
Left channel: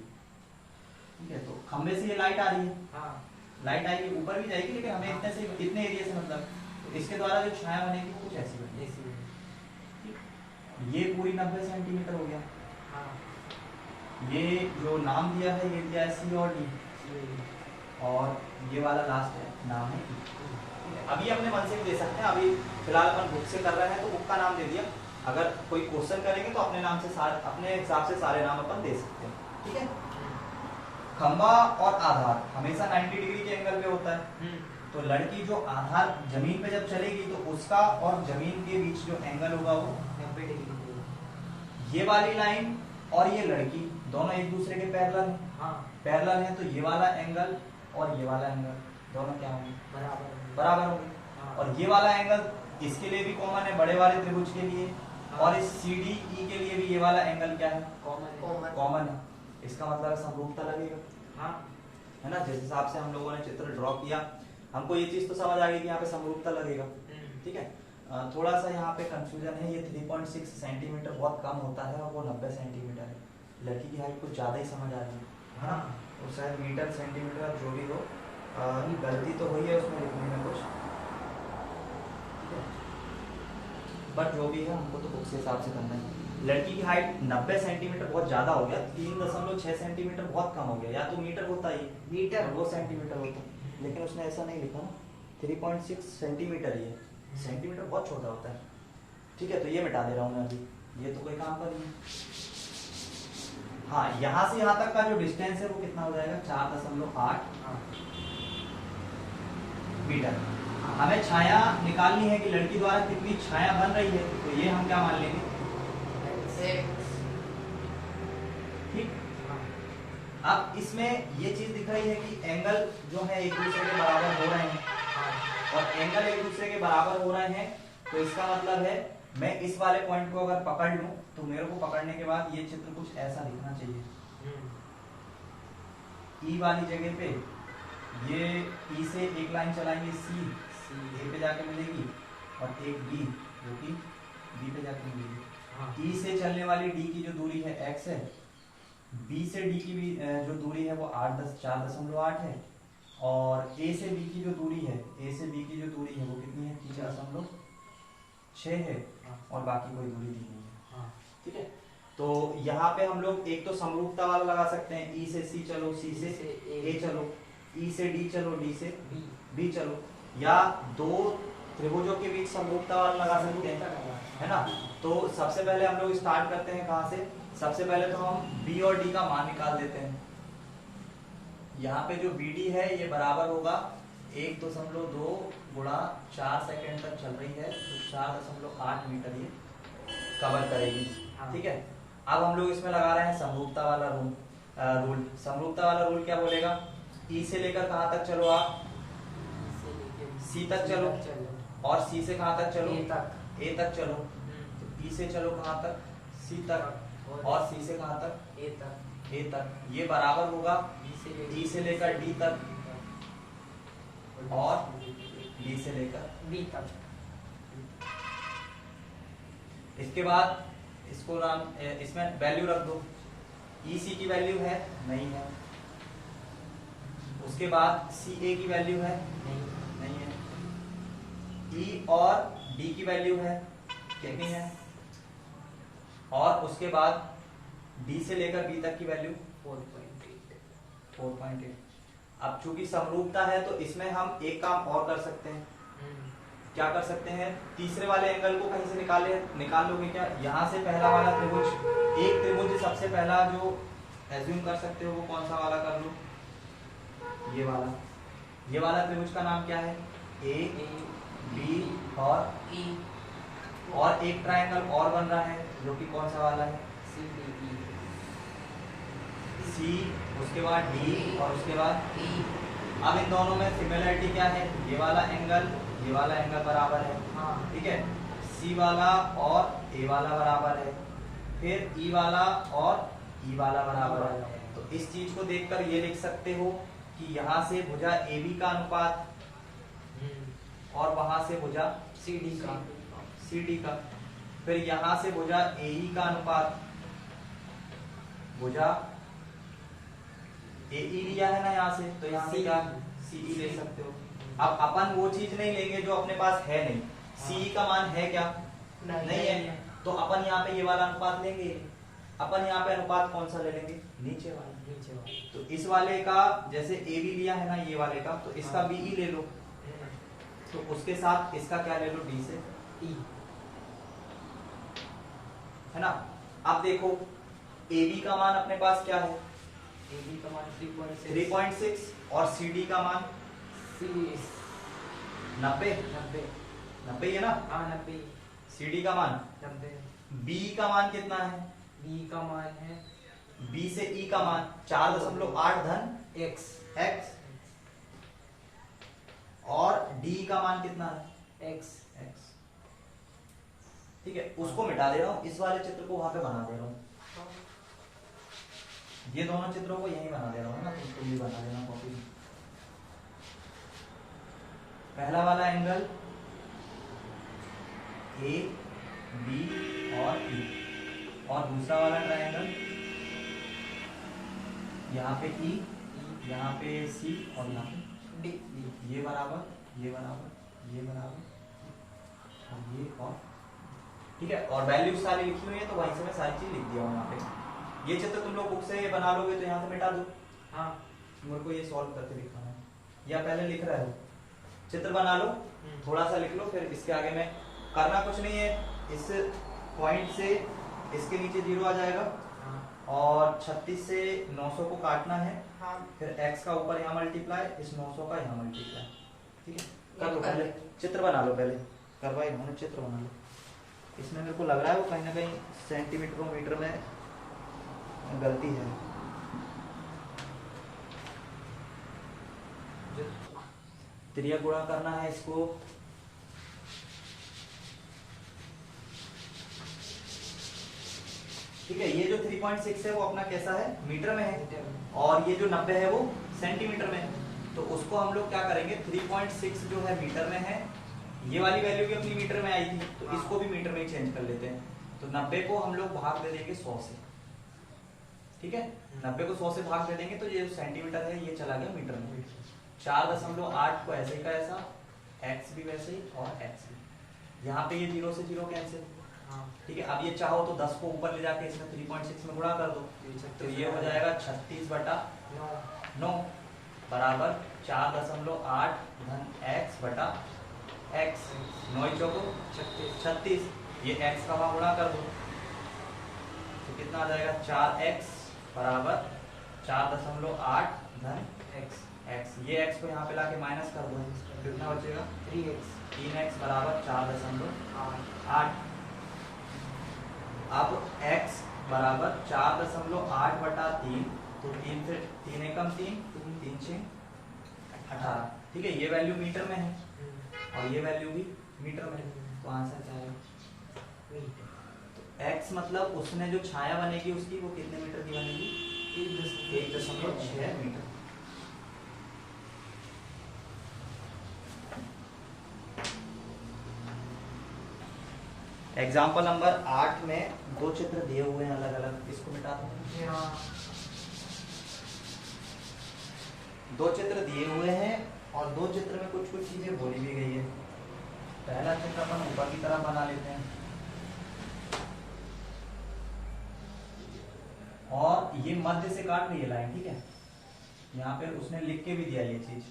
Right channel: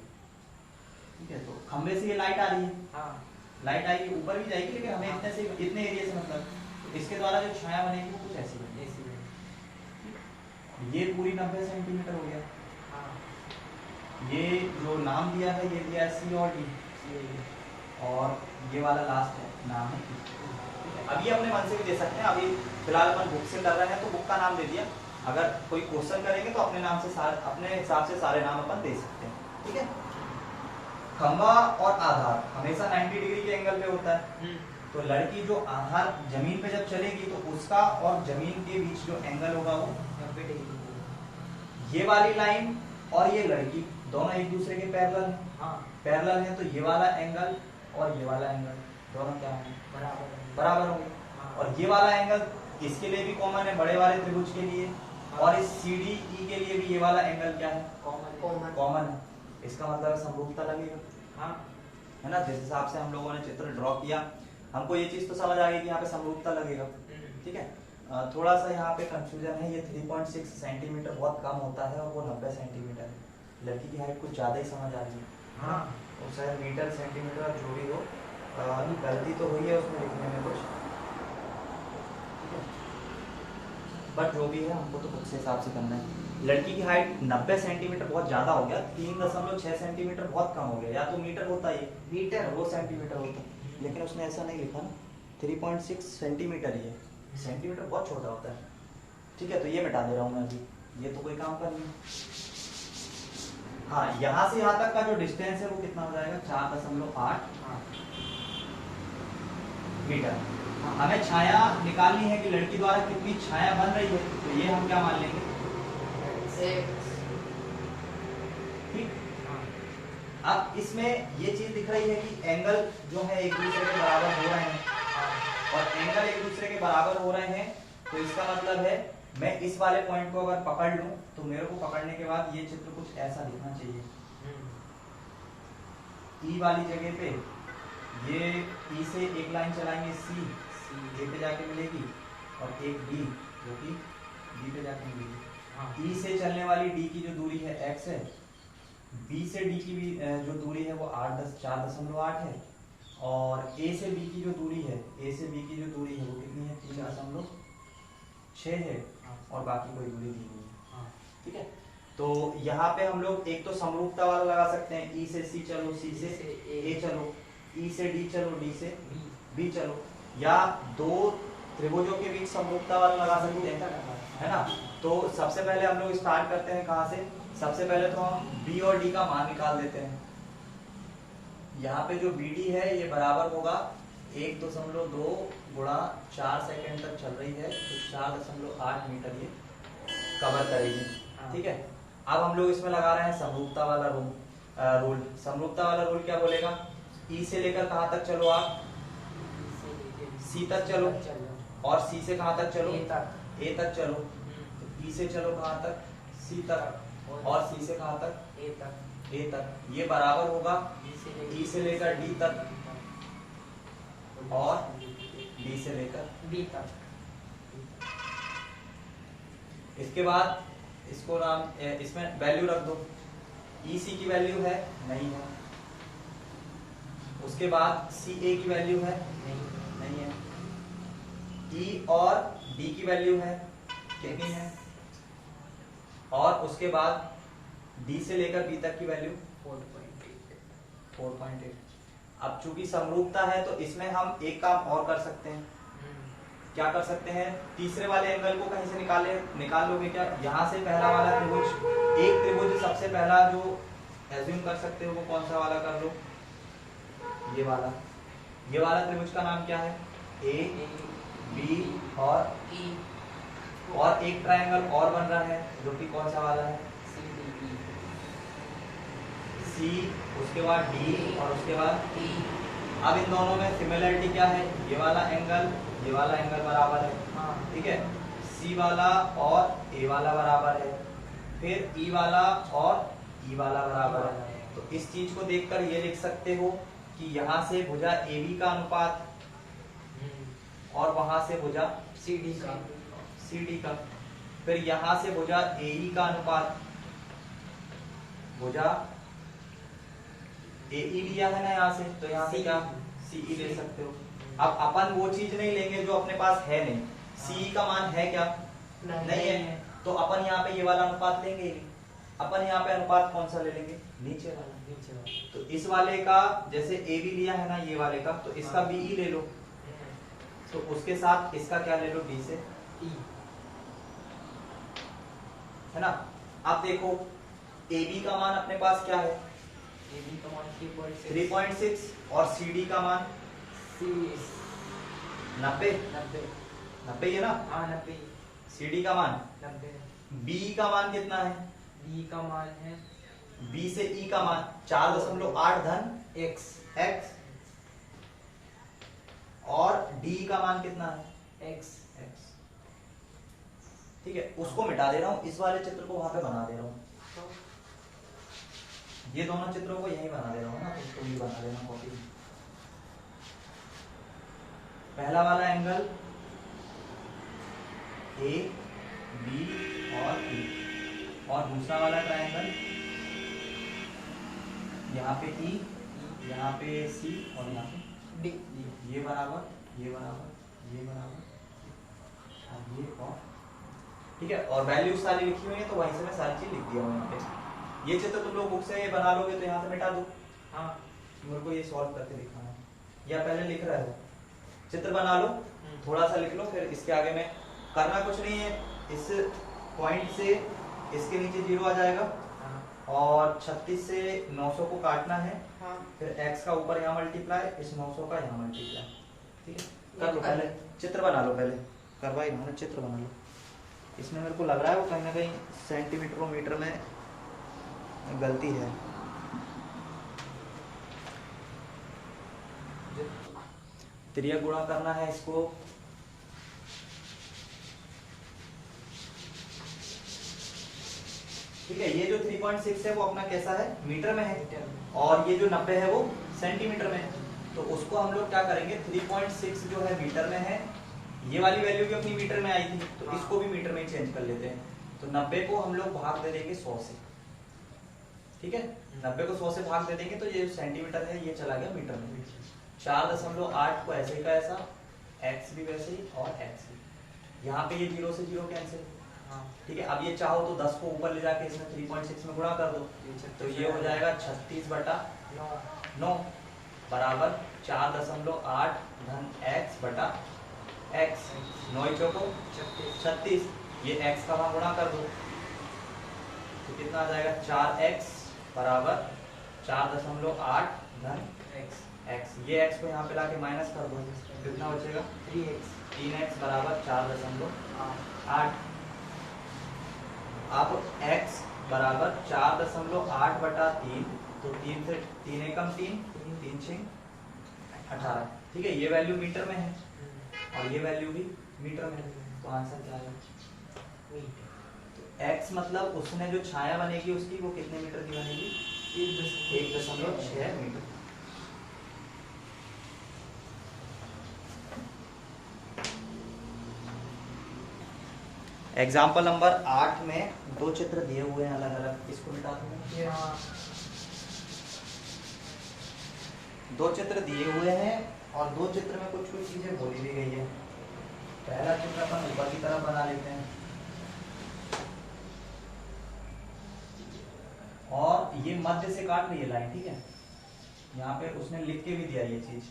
ठीक है, तो खंबे से ये लाइट आ रही है। हाँ। लाइट आएगी, ऊपर भी जाएगी, लेकिन हमें इतने एरिया से मतलब, तो इसके द्वारा जो छाया बनेगी वो कुछ ऐसी बनेगी। ये पूरी 90 सेंटीमीटर हो गया। हाँ। ये जो नाम दिया है ये दिया है सी और डी, और ये वाला लास्ट है नाम है ई। अभी अपने मन से भी दे सकते हैं, अभी फिलहाल अपन बुक से कर रहे हैं तो बुक का नाम दे दिया। अगर कोई क्वेश्चन करेंगे तो अपने नाम से अपने हिसाब से सारे नाम अपन दे सकते हैं, ठीक है। खंबा और आधार हमेशा 90 डिग्री के एंगल पे होता है, तो लड़की जो आधार जमीन पे जब चलेगी तो उसका और जमीन के बीच जो एंगल होगा वो 90 डिग्री। ये वाली लाइन और ये लड़की दोनों एक दूसरे के पैरेलल हैं। हाँ, पैरेलल है तो ये वाला एंगल और ये वाला एंगल दोनों क्या होंगे, बराबर होंगे। हाँ। और ये वाला एंगल इसके लिए भी कॉमन है, बड़े वाले त्रिभुज के लिए। हाँ। और इस CDE के लिए भी ये वाला एंगल क्या है, कॉमन। कॉमन है। इसका मतलब समरूपता लगेगा, हाँ, है ना। जिस हिसाब से हम लोगों ने चित्र ड्रॉ किया, हमको ये चीज तो समझ आ गई कि यहाँ पे समरूपता लगेगा, ठीक है। थोड़ा सा यहाँ पे कंफ्यूजन है, ये 3.6 सेंटीमीटर बहुत कम होता है और वो 90 सेंटीमीटर है। लड़की की हाइट कुछ ज्यादा ही समझ आ रही है, हाँ। और शायद मीटर सेंटीमीटर जो भी हो, गलती तो हुई है उसमें लिखने में कुछ, ठीक है। बट जो भी है हमको तो बुक के हिसाब से करना है। लड़की की हाइट 90 सेंटीमीटर बहुत ज्यादा हो गया, 3.6 सेंटीमीटर बहुत कम हो गया। या तो मीटर होता है मीटर। और वो सेंटीमीटर होता, लेकिन उसने ऐसा नहीं लिखा ना, 3.6 सेंटीमीटर ही है। सेंटीमीटर बहुत छोटा होता है, ठीक है। तो ये मिटा दे रहा हूँ मैं अभी, ये तो कोई काम का नहीं है। हाँ, यहाँ से यहाँ तक का जो डिस्टेंस है वो कितना हो जाएगा, 4.8 मीटर। हमें छाया निकालनी है कि लड़की द्वारा कितनी छाया बन रही है, तो ये हम क्या मान लेंगे, ठीक। अब इसमें ये चीज दिख रही है कि एंगल जो है एक दूसरे के बराबर हो रहे हैं, और एंगल एक दूसरे के बराबर हो रहे हैं, तो इसका मतलब है मैं इस वाले पॉइंट को अगर पकड़ लूं तो मेरे को पकड़ने के बाद ये चित्र कुछ ऐसा दिखना चाहिए। ई वाली जगह पे ये ई से एक लाइन चलाएंगे, सी ए पे जाके मिलेगी, और एक डी जो कि डी पे जाके मिलेगी। ई से चलने वाली डी की जो दूरी है x है, बी से डी की भी जो दूरी है वो 4.8 है, और ए से बी की जो दूरी है, ए से बी की जो दूरी है वो कितनी है, 3.6 है, और बाकी कोई दूरी दी नहीं है, ठीक है। तो यहाँ पे हम लोग एक तो समरूपता वाला लगा सकते हैं, ई से सी चलो, सी से ए चलो, ई से डी चलो, डी से बी चलो, या दो त्रिभुजों के बीच समरूपता वाला लगा सकते हैं, है ना। तो सबसे पहले हम लोग स्टार्ट करते हैं कहाँ से, सबसे पहले तो हम बी और डी का मान निकाल देते हैं। यहाँ पे जो BD है ये बराबर होगा 1.2 गुणा 4 सेकेंड तक चल रही है, तो 4.8 मीटर ये कवर करेगी, ठीक है। अब हम लोग इसमें लगा रहे हैं समरूपता वाला रूल। समरूपता वाला रूल क्या बोलेगा, ई से लेकर कहाँ तक चलो आप, सी तक चलो, और सी से कहाँ तक चलो, ए तक चलो। तो ई से चलो कहाँ तक, सी तक, और सी से कहाँ तक, ए तक। ये बराबर होगा ई से लेकर डी तक, और डी से लेकर बी तक। इसके बाद इसको नाम इसमें वैल्यू रख दो, ई सी की वैल्यू है, नहीं है। उसके बाद सी ए की वैल्यू है, नहीं है। ई और डी की वैल्यू है, कितनी है, और उसके बाद डी से लेकर बी तक की वैल्यू 4.8। अब चूंकि समरूपता है तो इसमें हम एक काम और कर सकते हैं, क्या कर सकते हैं, तीसरे वाले एंगल को कहीं से निकाल लोगे क्या, यहाँ से पहला वाला त्रिभुज, एक त्रिभुज सबसे पहला जो एज्यूम कर सकते हो वो कौन सा वाला कर लो, ये वाला त्रिभुज का नाम क्या है, ए बी और ई, और एक ट्रायंगल और बन रहा है जो कि कौन सा वाला है, सी, उसके बाद डी, और उसके बाद ई। अब इन दोनों में सिमिलरिटी क्या है, ये वाला एंगल बराबर है, ठीक है। सी वाला और ए वाला बराबर है, फिर ई वाला और ई वाला बराबर है। तो इस चीज को देखकर ये लिख सकते हो कि यहाँ से भुजा AB का अनुपात और वहां से भुजा CD का, फिर यहाँ से भुजा AE का अनुपात, भुजा AE लिया है ना यहाँ से, तो यहाँ से क्या CE ले सकते हो। अब अपन वो चीज नहीं लेंगे जो अपने पास है नहीं, CE का मान है क्या, नहीं है, तो अपन यहाँ पे ये वाला अनुपात लेंगे, अपन यहाँ पे अनुपात कौन सा ले लेंगे, नीचे वाला। तो इस वाले का जैसे AB लिया है ना ये वाले का, तो इसका BE ले लो, तो उसके साथ इसका क्या ले लो, डी से ई है ना। अब देखो ए बी का मान अपने पास क्या है, ए बी का मान 3.6 3.6 और सी डी का मान सी 90 90 90 है ना। हाँ 90 सी डी का मान 90 बी का मान कितना है, बी का मान है बी से ई का मान 4.8 धन x x और डी का मान कितना है x x। ठीक है, उसको मिटा दे रहा हूं, इस वाले चित्र को वहां पे बना दे रहा हूं, ये दोनों चित्रों को यहीं बना दे रहा हूं ना, तुम भी बना देना कॉपी में। पहला वाला एंगल ए बी और ई, और दूसरा वाला ट्रायंगल यहाँ पे ई, यहाँ पे सी और यहाँ पे डी ये बराबर ये बराबर ये बराबर और ये और ठीक है, और वैल्यूज सारी लिखी हुई है तो वहीं से मैं सारी चीज लिख दिया हूँ यहाँ पे। ये चित्र तुम लोग बुक से बना लोगे तो यहाँ से मिटा दो, हाँ मेरे को ये सॉल्व करके दिखाना है, या पहले लिख रहे हो चित्र बना लो, थोड़ा सा लिख लो, फिर इसके आगे में करना कुछ नहीं है, इस पॉइंट से इसके नीचे 0 आ जाएगा हाँ और 36 से 900 को काटना है, हाँ फिर x का ऊपर यहाँ मल्टीप्लाई, इस 900 का यहाँ मल्टीप्लाई। ठीक है, कर लो पहले चित्र बना लो, पहले करवाई हमने चित्र बना लो। इसमें मेरे को लग रहा है वो कहीं ना कहीं सेंटीमीटर मीटर में गलती है। त्रिया गुणा करना है इसको, ठीक है। ये जो 3.6 है वो अपना कैसा है, मीटर में है, और ये जो 90 है वो सेंटीमीटर में है। तो उसको हम लोग क्या करेंगे, 3.6 जो है मीटर में है, ये वाली वैल्यू भी अपनी मीटर में आई थी तो हाँ। इसको भी मीटर में ही चेंज कर लेते हैं। तो 90 को हम लोग भाग दे देंगे 100 से, ठीक है, 90 को 100 से भाग दे देंगे तो ये सेंटीमीटर है ये चला गया मीटर में। 4.8 को ऐसे ही का ऐसा, x भी वैसे ही और x भी, यहाँ पे ये 0 से 0 कैंसिल, हाँ ठीक है। अब ये चाहो तो 10 को ऊपर ले जाके इसमें 3.6 में गुणा कर दो, तो ये हो जाएगा 36/9 बराबर 4.8 धन x बटा x, 9 चौको 36, ये x का वहां गुणा कर दो तो कितना आ जाएगा, 4x बराबर 4.8 धन x, ये x को यहाँ पे लाके माइनस कर दो, कितना बचेगा 3x 3x बराबर 4.8। अब x बराबर 4.8 बटा 3, तो 3 से 3 एकम 3, 3 6 18, ठीक है। ये वैल्यू मीटर में है और ये वैल्यू भी मीटर में है, तो आंसर क्या है, तो x मतलब उसने जो छाया बनेगी उसकी वो कितने मीटर की बनेगी, 1.6 मीटर। एग्जाम्पल नंबर 8 में 2 चित्र दिए हुए हैं अलग अलग, इसको मिटा दो। हाँ 2 चित्र दिए हुए हैं और 2 चित्र में कुछ कुछ चीजें बोली भी गई है। पहला चित्र अपन ऊपर की तरफ बना लेते हैं, और ये मध्य से काट रही है लाइन, ठीक है। यहाँ पे उसने लिख के भी दिया ये चीज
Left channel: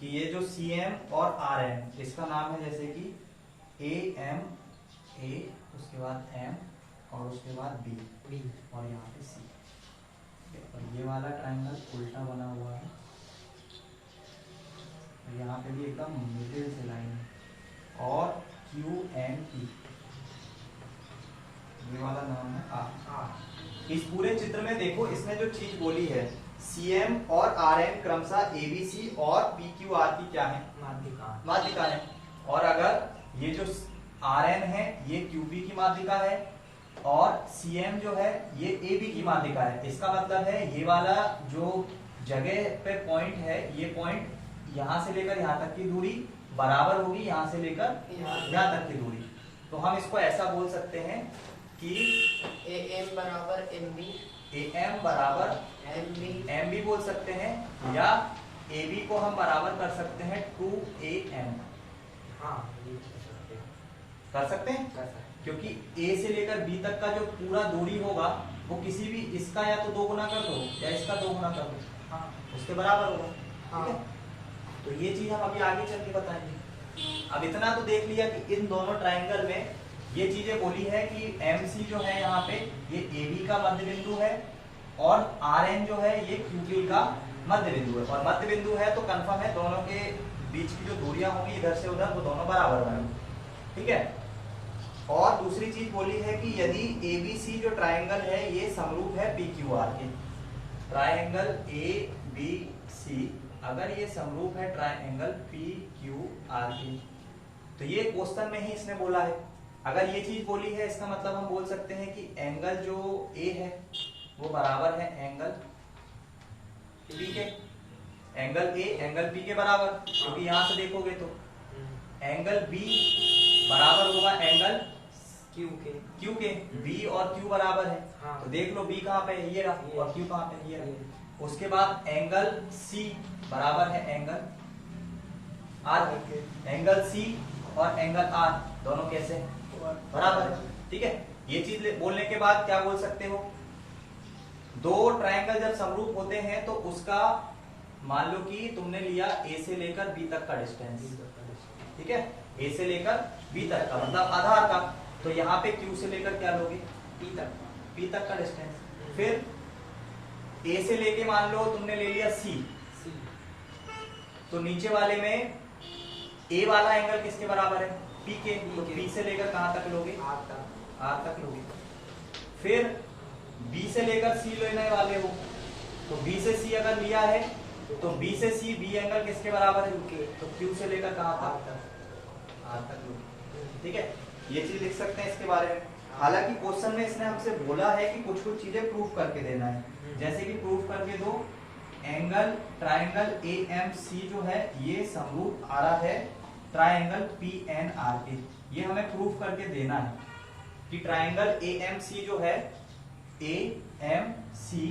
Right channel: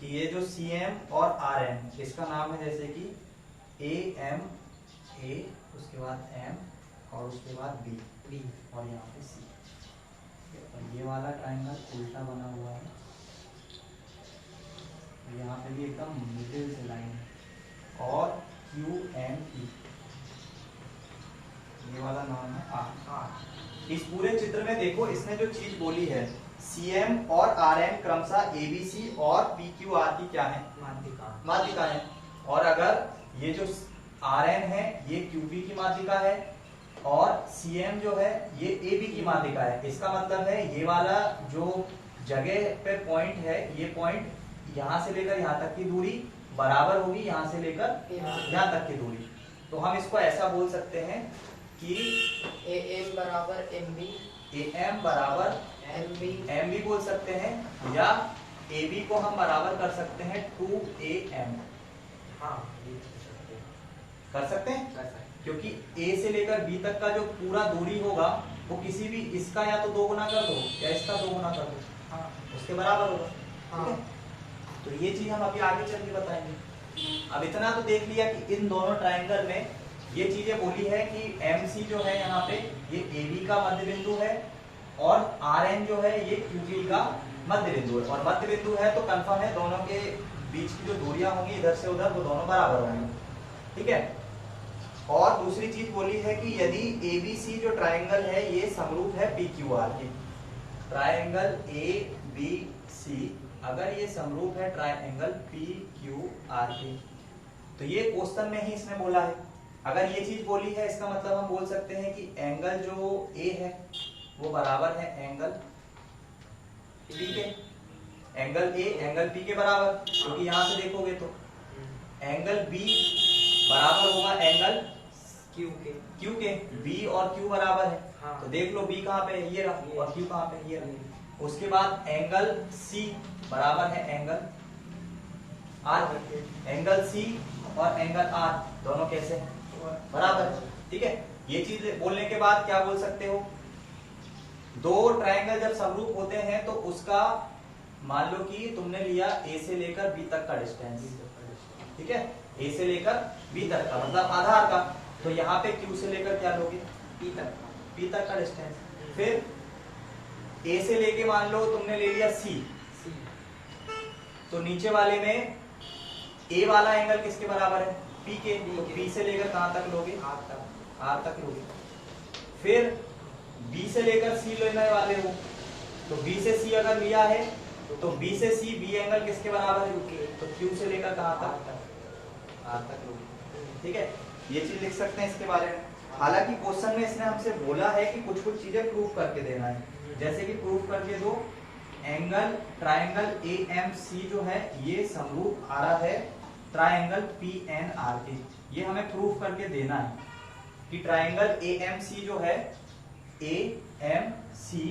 कि ये जो CM और RM, इसका नाम है जैसे कि AM, A, उसके बाद M और उसके बाद B, और यहाँ पे C, और ये वाला ट्रायंगल उल्टा बना हुआ है, यहाँ पे भी एकदम मिडिल से लाइन है, और QME, ये वाला नाम है R। इस पूरे चित्र में देखो इसने जो चीज बोली है, CM और RM क्रमशः ABC और PQR की क्या है, माध्यिका है, और अगर ये जो RN है ये QP की माध्यिका है और CM जो है ये AB की माध्यिका है। इसका मतलब है ये वाला जो जगह पे पॉइंट है, ये पॉइंट यहाँ से लेकर यहाँ तक की दूरी बराबर होगी यहाँ से लेकर यहाँ तक की दूरी। तो हम इसको ऐसा बोल सकते हैं कि AM बराबर MB, AM बराबर MB बोल सकते हैं, या AB को हम बराबर कर सकते हैं 2AM, हाँ कर सकते हैं, क्योंकि A से लेकर B तक का जो पूरा दूरी होगा वो किसी भी इसका या तो 2 गुना कर दो या इसका 2 गुना कर दो, हाँ उसके बराबर होगा, हाँ। ठीक है। तो ये चीज हम अभी आगे चल के बताएंगे। अब इतना तो देख लिया कि इन दोनों ट्राइंगल में ये चीजें बोली है कि MC जो है यहाँ पे ये AB का मध्य बिंदु है और RN जो है ये QP का मध्य बिंदु है, और मध्य बिंदु है तो कंफर्म है दोनों के बीच की जो दूरियां होंगी इधर से उधर वो दोनों बराबर होंगी, ठीक है। और दूसरी चीज बोली है कि यदि ABC जो ट्राइंगल है ये समरूप है PQR के, ट्राइंगल ABC अगर ये समरूप है ट्राइंगल PQR के, तो ये क्वेश्चन में ही इसने बोला है। अगर ये चीज बोली है इसका मतलब हम बोल सकते हैं कि एंगल जो A है वो बराबर है एंगल P के, एंगल A एंगल P के बराबर, क्योंकि यहां से देखोगे तो एंगल B बराबर होगा एंगल Q के, B और Q बराबर है। हाँ। तो देख लो B कहाँ पे है, ये रहा, और Q कहाँ पे है, ये रहा। उसके बाद एंगल C बराबर है एंगल R, एंगल C और एंगल R दोनों कैसे हैं, बराबर है, ठीक है। ये चीज बोलने के बाद क्या बोल सकते हो, दो ट्रायंगल जब समरूप होते हैं तो उसका मान लो कि तुमने लिया A से लेकर B तक का डिस्टेंस, ठीक है, A से लेकर B तक का मतलब आधार का, तो यहाँ पे Q से लेकर क्या लोगे, P तक का डिस्टेंस। फिर A से लेके मान लो तुमने ले लिया C, तो नीचे वाले में A वाला एंगल किसके बराबर है, P के, तो P से लेकर कहां तक लोगे, R तक लोगे। फिर B से लेकर C लेने वाले हो, तो B से C अगर लिया है तो B से C B एंगल किसके बराबर है, तो Q से लेकर कहां तक, R तक लोगे, ठीक है। ये चीज लिख सकते हैं इसके बारे में। हालांकि क्वेश्चन में इसने हमसे बोला है कि कुछ कुछ चीजें प्रूफ करके देना है, जैसे कि प्रूफ करके दो एंगल ट्राइंगल AMC जो है ये समरूप आ रहा है ट्राइंगल PNR के, ये हमें प्रूफ करके देना है कि ट्राइंगल AMC जो है AMC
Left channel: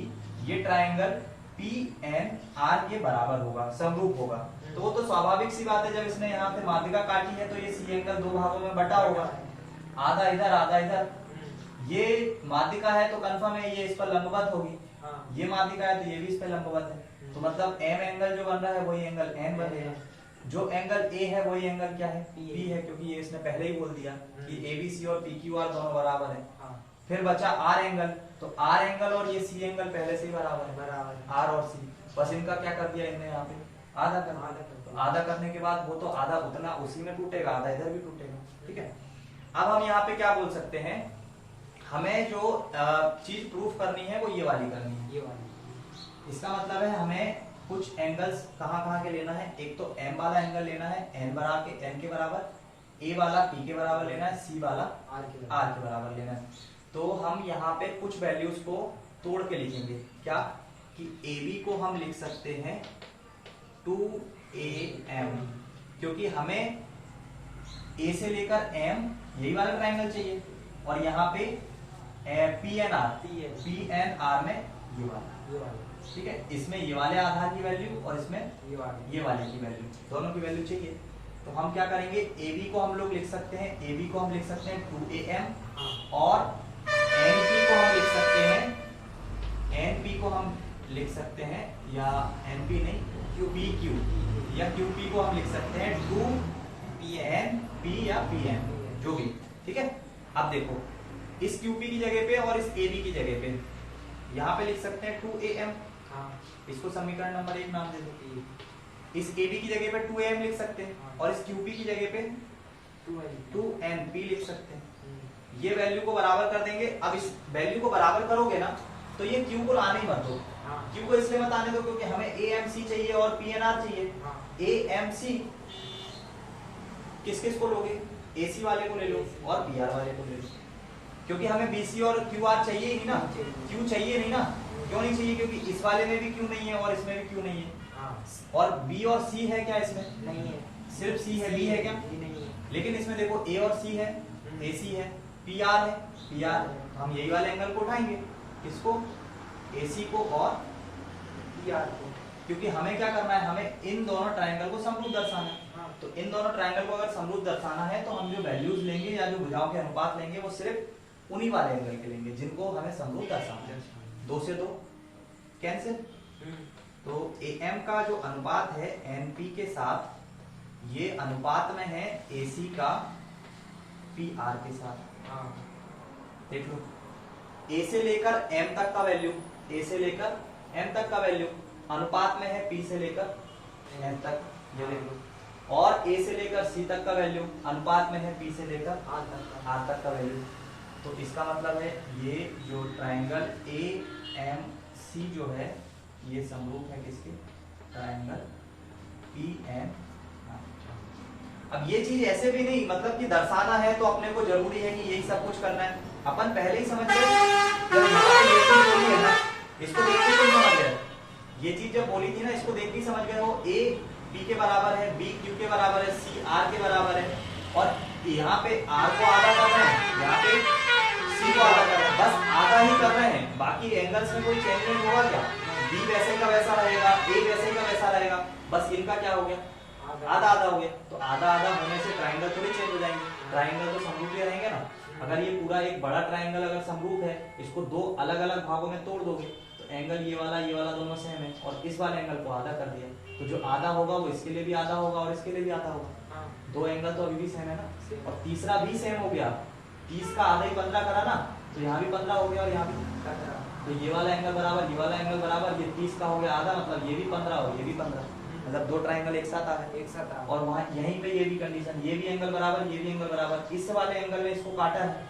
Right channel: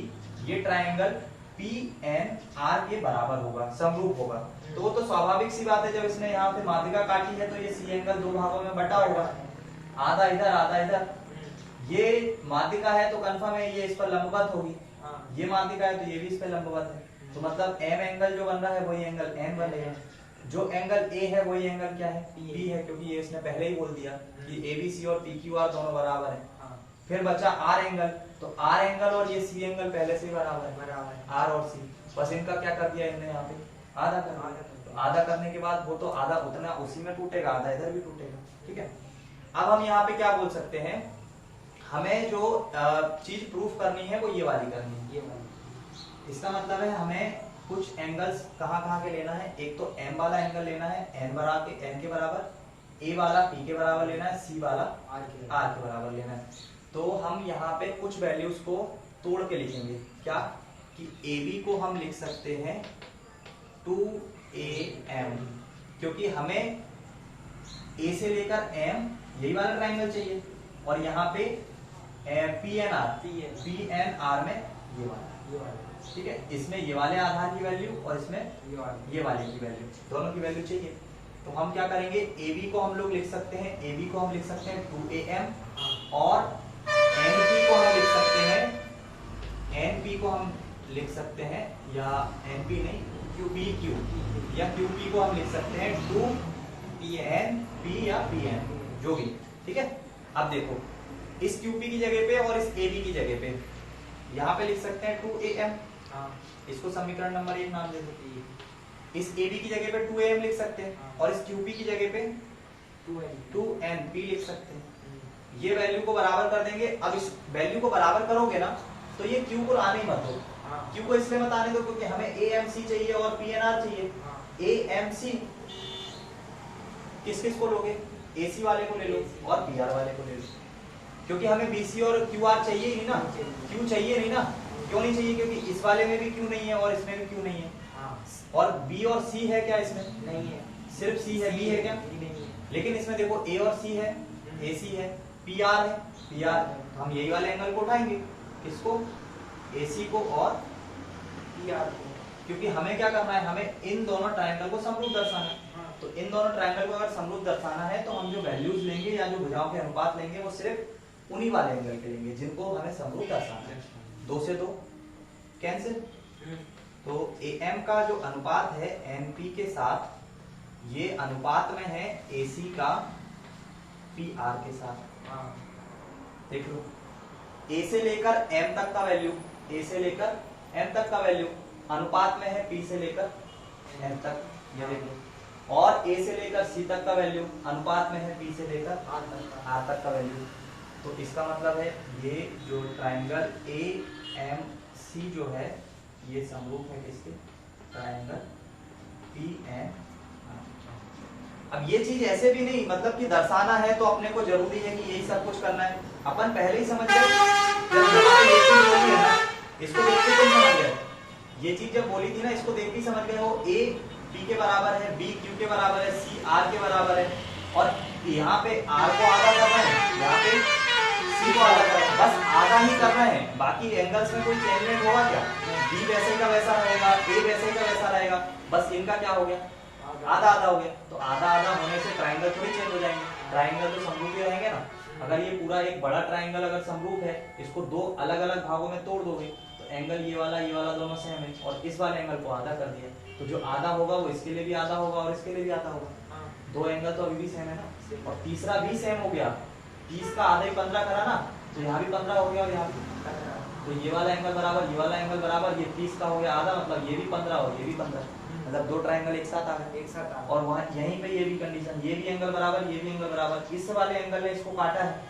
ये ट्राइंगल PNR के बराबर होगा, समरूप होगा। तो वो तो स्वाभाविक सी बात है, जब इसने यहाँ पे माध्यिका काटी है तो ये C एंगल दो भागों में बटा होगा, आधा इधर आधा इधर। ये माध्यिका है तो कंफर्म है ये इस पर लंबवत होगी, ये माध्यिका है तो ये भी इस पर लंबवत है, तो मतलब M एंगल जो बन रहा है वही एंगल N बनेगा। जो एंगल A है वही एंगल क्या है, P है, क्योंकि ये इसने पहले ही बोल दिया कि ABC और PQR दोनों बराबर है। फिर बचा R एंगल, तो R एंगल और ये C एंगल पहले से ही बराबर है, R और C, बस इनका क्या कर दिया इनने यहाँ पे आधा कर दिया। तो आधा करने के बाद वो तो आधा उतना उसी में टूटेगा, आधा इधर भी टूटेगा, ठीक है। अब हम यहाँ पे क्या बोल सकते हैं, हमें जो चीज प्रूफ करनी है वो ये वाली करनी है, ये वाली। इसका मतलब है हमें कुछ एंगल्स कहाँ के लेना है, एक तो M वाला एंगल लेना है N के बराबर, A वाला P के बराबर लेना है, C वाला R के बराबर लेना है। तो हम यहाँ पे कुछ वैल्यूज को तोड़ के लिखेंगे, क्या कि AB को हम लिख सकते हैं 2AM, क्योंकि हमें A से लेकर M यही वाला ट्राइंगल चाहिए, और यहाँ पे PNR में ये वाला, ठीक है। इसमें ये वाले आधार की वैल्यू और इसमें ये वाले की वैल्यू, दोनों की वैल्यू चाहिए। तो हम क्या करेंगे, AB को हम लोग लिख सकते हैं, AB को हम लिख सकते हैं 2AM, और NP को हम लिख सकते हैं, NP को हम लिख सकते हैं, या NP नहीं PQ, या QP को हम लिख सकते हैं 2PNP या PN, जो भी, ठीक है। अब देखो इस QP की जगह पे और इस AB की जगह पे यहाँ पे लिख सकते हैं 2AM, इसको समीकरण नंबर 1 नाम दे दो। इस AB की जगह पे 2AM लिख सकते हैं, और इस QP की जगह पे 2NP लिख सकते हैं। ये वैल्यू को बराबर कर देंगे। अब इस वैल्यू को बराबर करोगे ना तो ये Q को आने ही मत दो, Q को इसलिए मत आने दो क्योंकि हमें AMC चाहिए और PNR चाहिए। AMC किस किस को लोगे, AC वाले को ले लो और PR वाले को ले लो, क्योंकि हमें BC और QR चाहिए ही ना, Q चाहिए नहीं ना। क्यों नहीं चाहिए, क्योंकि इस वाले में भी Q नहीं है और इसमें भी Q नहीं है, और B और C है क्या, इसमें नहीं है, सिर्फ C है, B है क्या, नहीं है। लेकिन इसमें देखो A और C है, AC है, PR है, PR, हम यही वाले एंगल को उठाएंगे, किसको, AC को और PR को, क्योंकि हमें क्या करना है, हमें इन दोनों ट्रायंगल को समरूप दर्शाना है। तो इन दोनों ट्रायंगल को अगर समरूप दर्शाना है तो हम जो वैल्यूज लेंगे या जो भुजाओं के अनुपात लेंगे वो सिर्फ उन्हीं वाले एंगल के लेंगे जिनको हमें समरूप दर्शाना है। 2 से 2 कैंसिल, तो AM का जो अनुपात है NP के साथ ये अनुपात में है AC का PR के साथ। हाँ देख लो, A से लेकर M तक का वैल्यू, A से लेकर M तक का वैल्यू अनुपात में है P से लेकर N तक, ये देख लो। और A से लेकर C तक का वैल्यू अनुपात में है P से लेकर R तक का वैल्यू। तो इसका मतलब है ये जो ट्रायंगल AMC जो है ये समरूप है किसके, ट्रायंगल PNR। अब ये चीज ऐसे भी नहीं मतलब कि दर्शाना है तो अपने को जरूरी है कि यही सब कुछ करना है, अपन पहले ही समझ गए। जब ये चीज बोली है ना, इसको देख के तुम समझ गए, ये चीज जब बोली थी ना इसको देख के समझ गए हो। A P के बराबर है, B Q के बराबर है, C R के बराबर है, और यहाँ पे R को आधा कर रहे हैं, यहाँ पे C को आधा कर रहे हैं, बस आधा ही कर रहे हैं। बाकी एंगल्स में कोई चेंजमेंट होगा क्या? B वैसे का वैसा रहेगा, A वैसे का वैसा रहेगा, बस इनका क्या हो गया, आधा आधा हो गया। तो आधा आधा होने से ट्रायंगल थोड़ी चेंज हो जाएंगे, ट्रायंगल तो समरूप ही रहेंगे ना। अगर ये पूरा एक बड़ा ट्रायंगल अगर समरूप है, इसको दो अलग अलग भागों में तोड़ दोगे तो एंगल ये वाला दोनों सेम है, और इस वाले एंगल को आधा कर दिया तो जो आधा होगा वो इसके लिए भी आधा होगा और इसके लिए भी आधा होगा। दो एंगल तो अभी भी सेम है ना, और तीसरा भी सेम हो गया। 30 का आधा ही 15 करा ना, तो यहाँ भी 15 हो गया और यहाँ भी 15 करा। तो ये वाला एंगल बराबर, ये वाला एंगल बराबर, ये 30 का हो गया आधा, मतलब ये भी 15 और ये भी 15, मतलब दो ट्रायंगल एक साथ आ गए, एक साथ आ। और वहां यहीं पे ये भी कंडीशन, ये भी एंगल बराबर, ये भी एंगल बराबर। इस वाले एंगल ने इसको काटा है,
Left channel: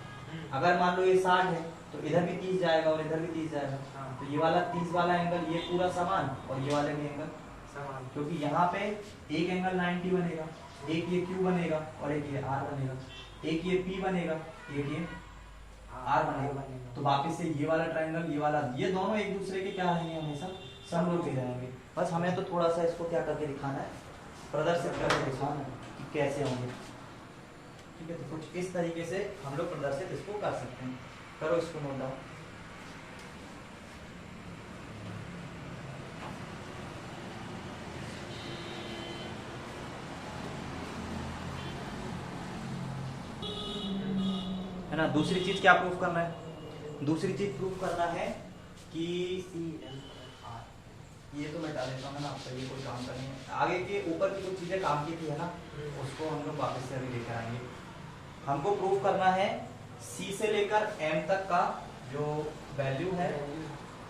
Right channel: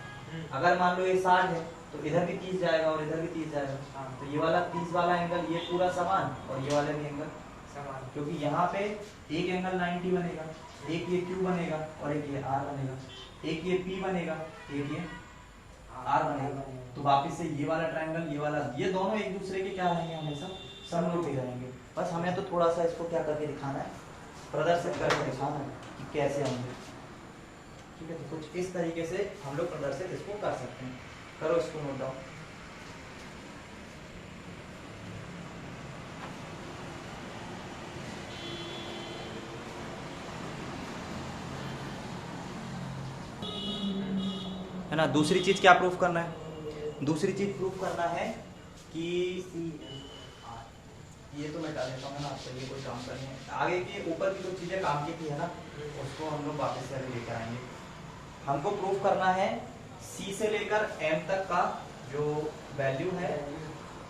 अगर मान लो ये 60 है तो इधर भी 30 जाएगा और इधर भी 30 जाएगा। तो ये वाला 30 वाला एंगल ये पूरा समान, और ये वाले भी एंगल समान, क्योंकि यहाँ पे एक एंगल 90 बनेगा, एक ये Q बनेगा और एक ये R बनेगा, एक ये P बनेगा, एक ये R बनेगा। तो वापिस से ये वाला ट्रायंगल, ये वाला, ये दोनों एक दूसरे के क्या रहेंगे, हमेशा समरूप ही रहेंगे। बस हमें तो थोड़ा सा इसको क्या करके दिखाना है, प्रदर्शित करके दिखाना है कि कैसे होंगे। ठीक है, तो कुछ इस तरीके से हम लोग प्रदर्शित इसको कर सकते हैं। करो इसको नोट डाउन। है ना। दूसरी चीज क्या प्रूफ करना है, दूसरी चीज प्रूफ करना है कि ये तो मैं डाल देता हूँ ना, आपका ये कोई काम करनी है। आगे के ऊपर की कुछ चीजें काम की थी है ना, उसको हम लोग वापस से अभी लेकर आएंगे। हमको प्रूफ करना है C से लेकर M तक का जो वैल्यू है,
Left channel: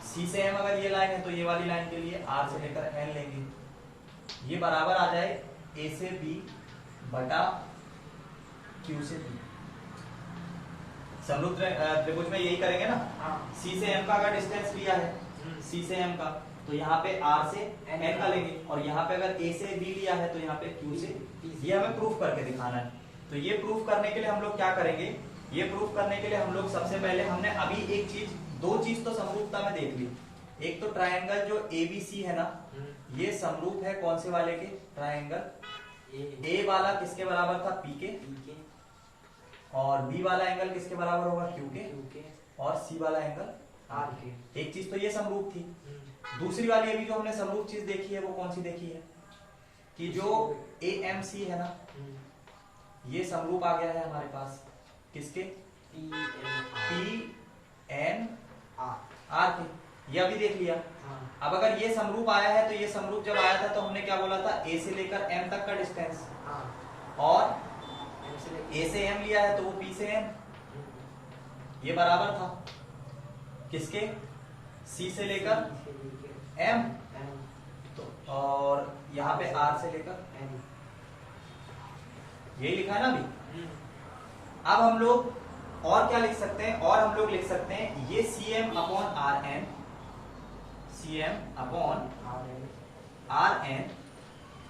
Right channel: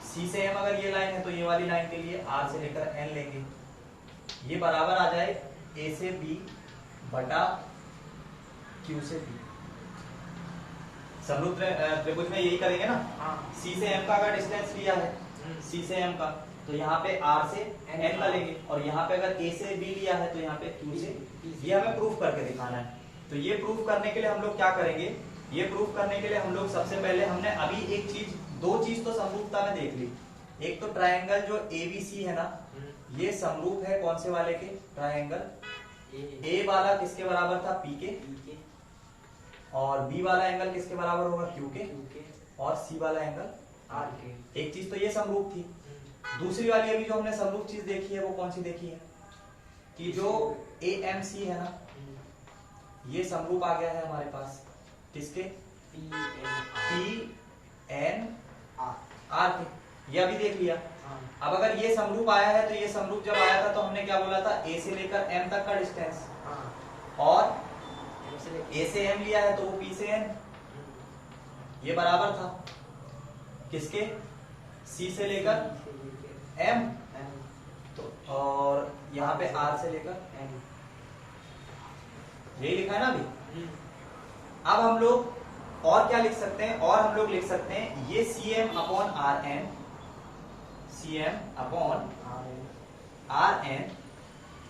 C से M अगर ये लाइन है तो ये वाली लाइन के लिए R से लेकर N लेंगे, ये बराबर आ जाए A से B बटा Q से P। समरूप त्रिभुज में यही करेंगे ना। C से M का अगर डिस्टेंस लिया है, C से M का, तो यहाँ पे R से N का लेंगे, और यहाँ पे अगर A से B लिया है तो यहाँ पे Q से, ये हमें प्रूफ करके दिखाना है। तो ये प्रूफ करने के लिए हम लोग क्या करेंगे, ये प्रूफ करने के लिए हम लोग सबसे पहले हमने अभी एक चीज, दो चीज तो समरूपता में देख ली। एक तो ट्रायंगल जो ABC है ना, ये समरूप है कौन से वाले के, ट्रायंगल A वाला किसके बराबर था, P के, और B वाला एंगल किसके बराबर होगा, Q के, और C वाला एंगल R के। एक चीज तो ये समरूप थी। दूसरी वाली अभी जो हमने समरूप चीज देखी है वो कौन सी देखी है, कि जो AMC है ना, ये समरूप आ गया है हमारे पास किसके, PNR के, ये अभी देख लिया। अब अगर ये समरूप आया है तो ये समरूप जब आया था तो हमने क्या बोला था, A से लेकर M तक का डिस्टेंस, और A से M लिया है तो वो P से N, ये बराबर था किसके, C से लेकर M, तो और यहाँ पे R से लेकर N, यही लिखा है ना अभी। अब हम लोग और क्या लिख सकते हैं, और हम लोग लिख सकते हैं ये CM upon RN, CM upon RN,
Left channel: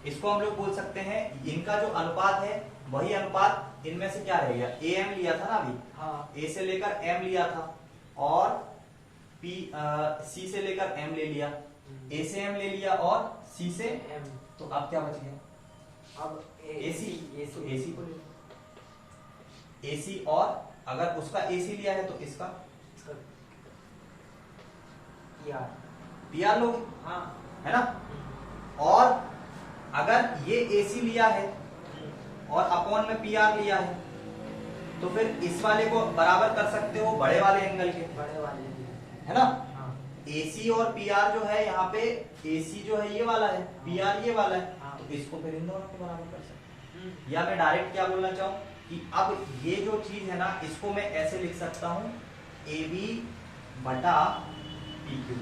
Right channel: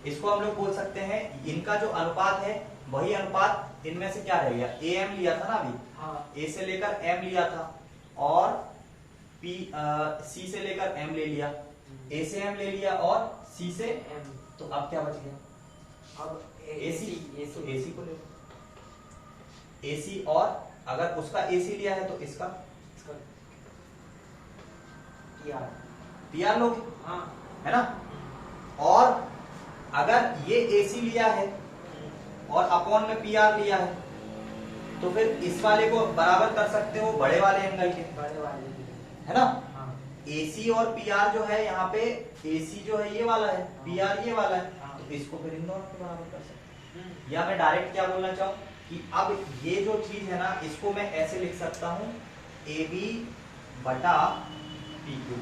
इसको हम लोग बोल सकते हैं इनका जो अनुपात है वही अनुपात इनमें से क्या रहेगा, AM लिया था ना अभी, A से लेकर M लिया था, और C से लेकर M ले लिया, A से M ले लिया और C से M, तो अब क्या बच गया, अब AC को ले लो, AC, और अगर उसका AC लिया है तो इसका PR लोगे, है ना। और अगर ये AC लिया है और अपॉन में PR लिया है तो फिर इस वाले को बराबर कर सकते हो बड़े वाले एंगल के, है ना। AC और PR जो है यहाँ पे, AC जो है ये वाला है, PR ये वाला है, तो इसको फिर इन दोनों के बराबर कर सकते हैं। या मैं डायरेक्ट क्या बोलना चाहूँ कि अब ये जो चीज है ना, इसको मैं ऐसे लिख सकता हूँ AB बटा PQ।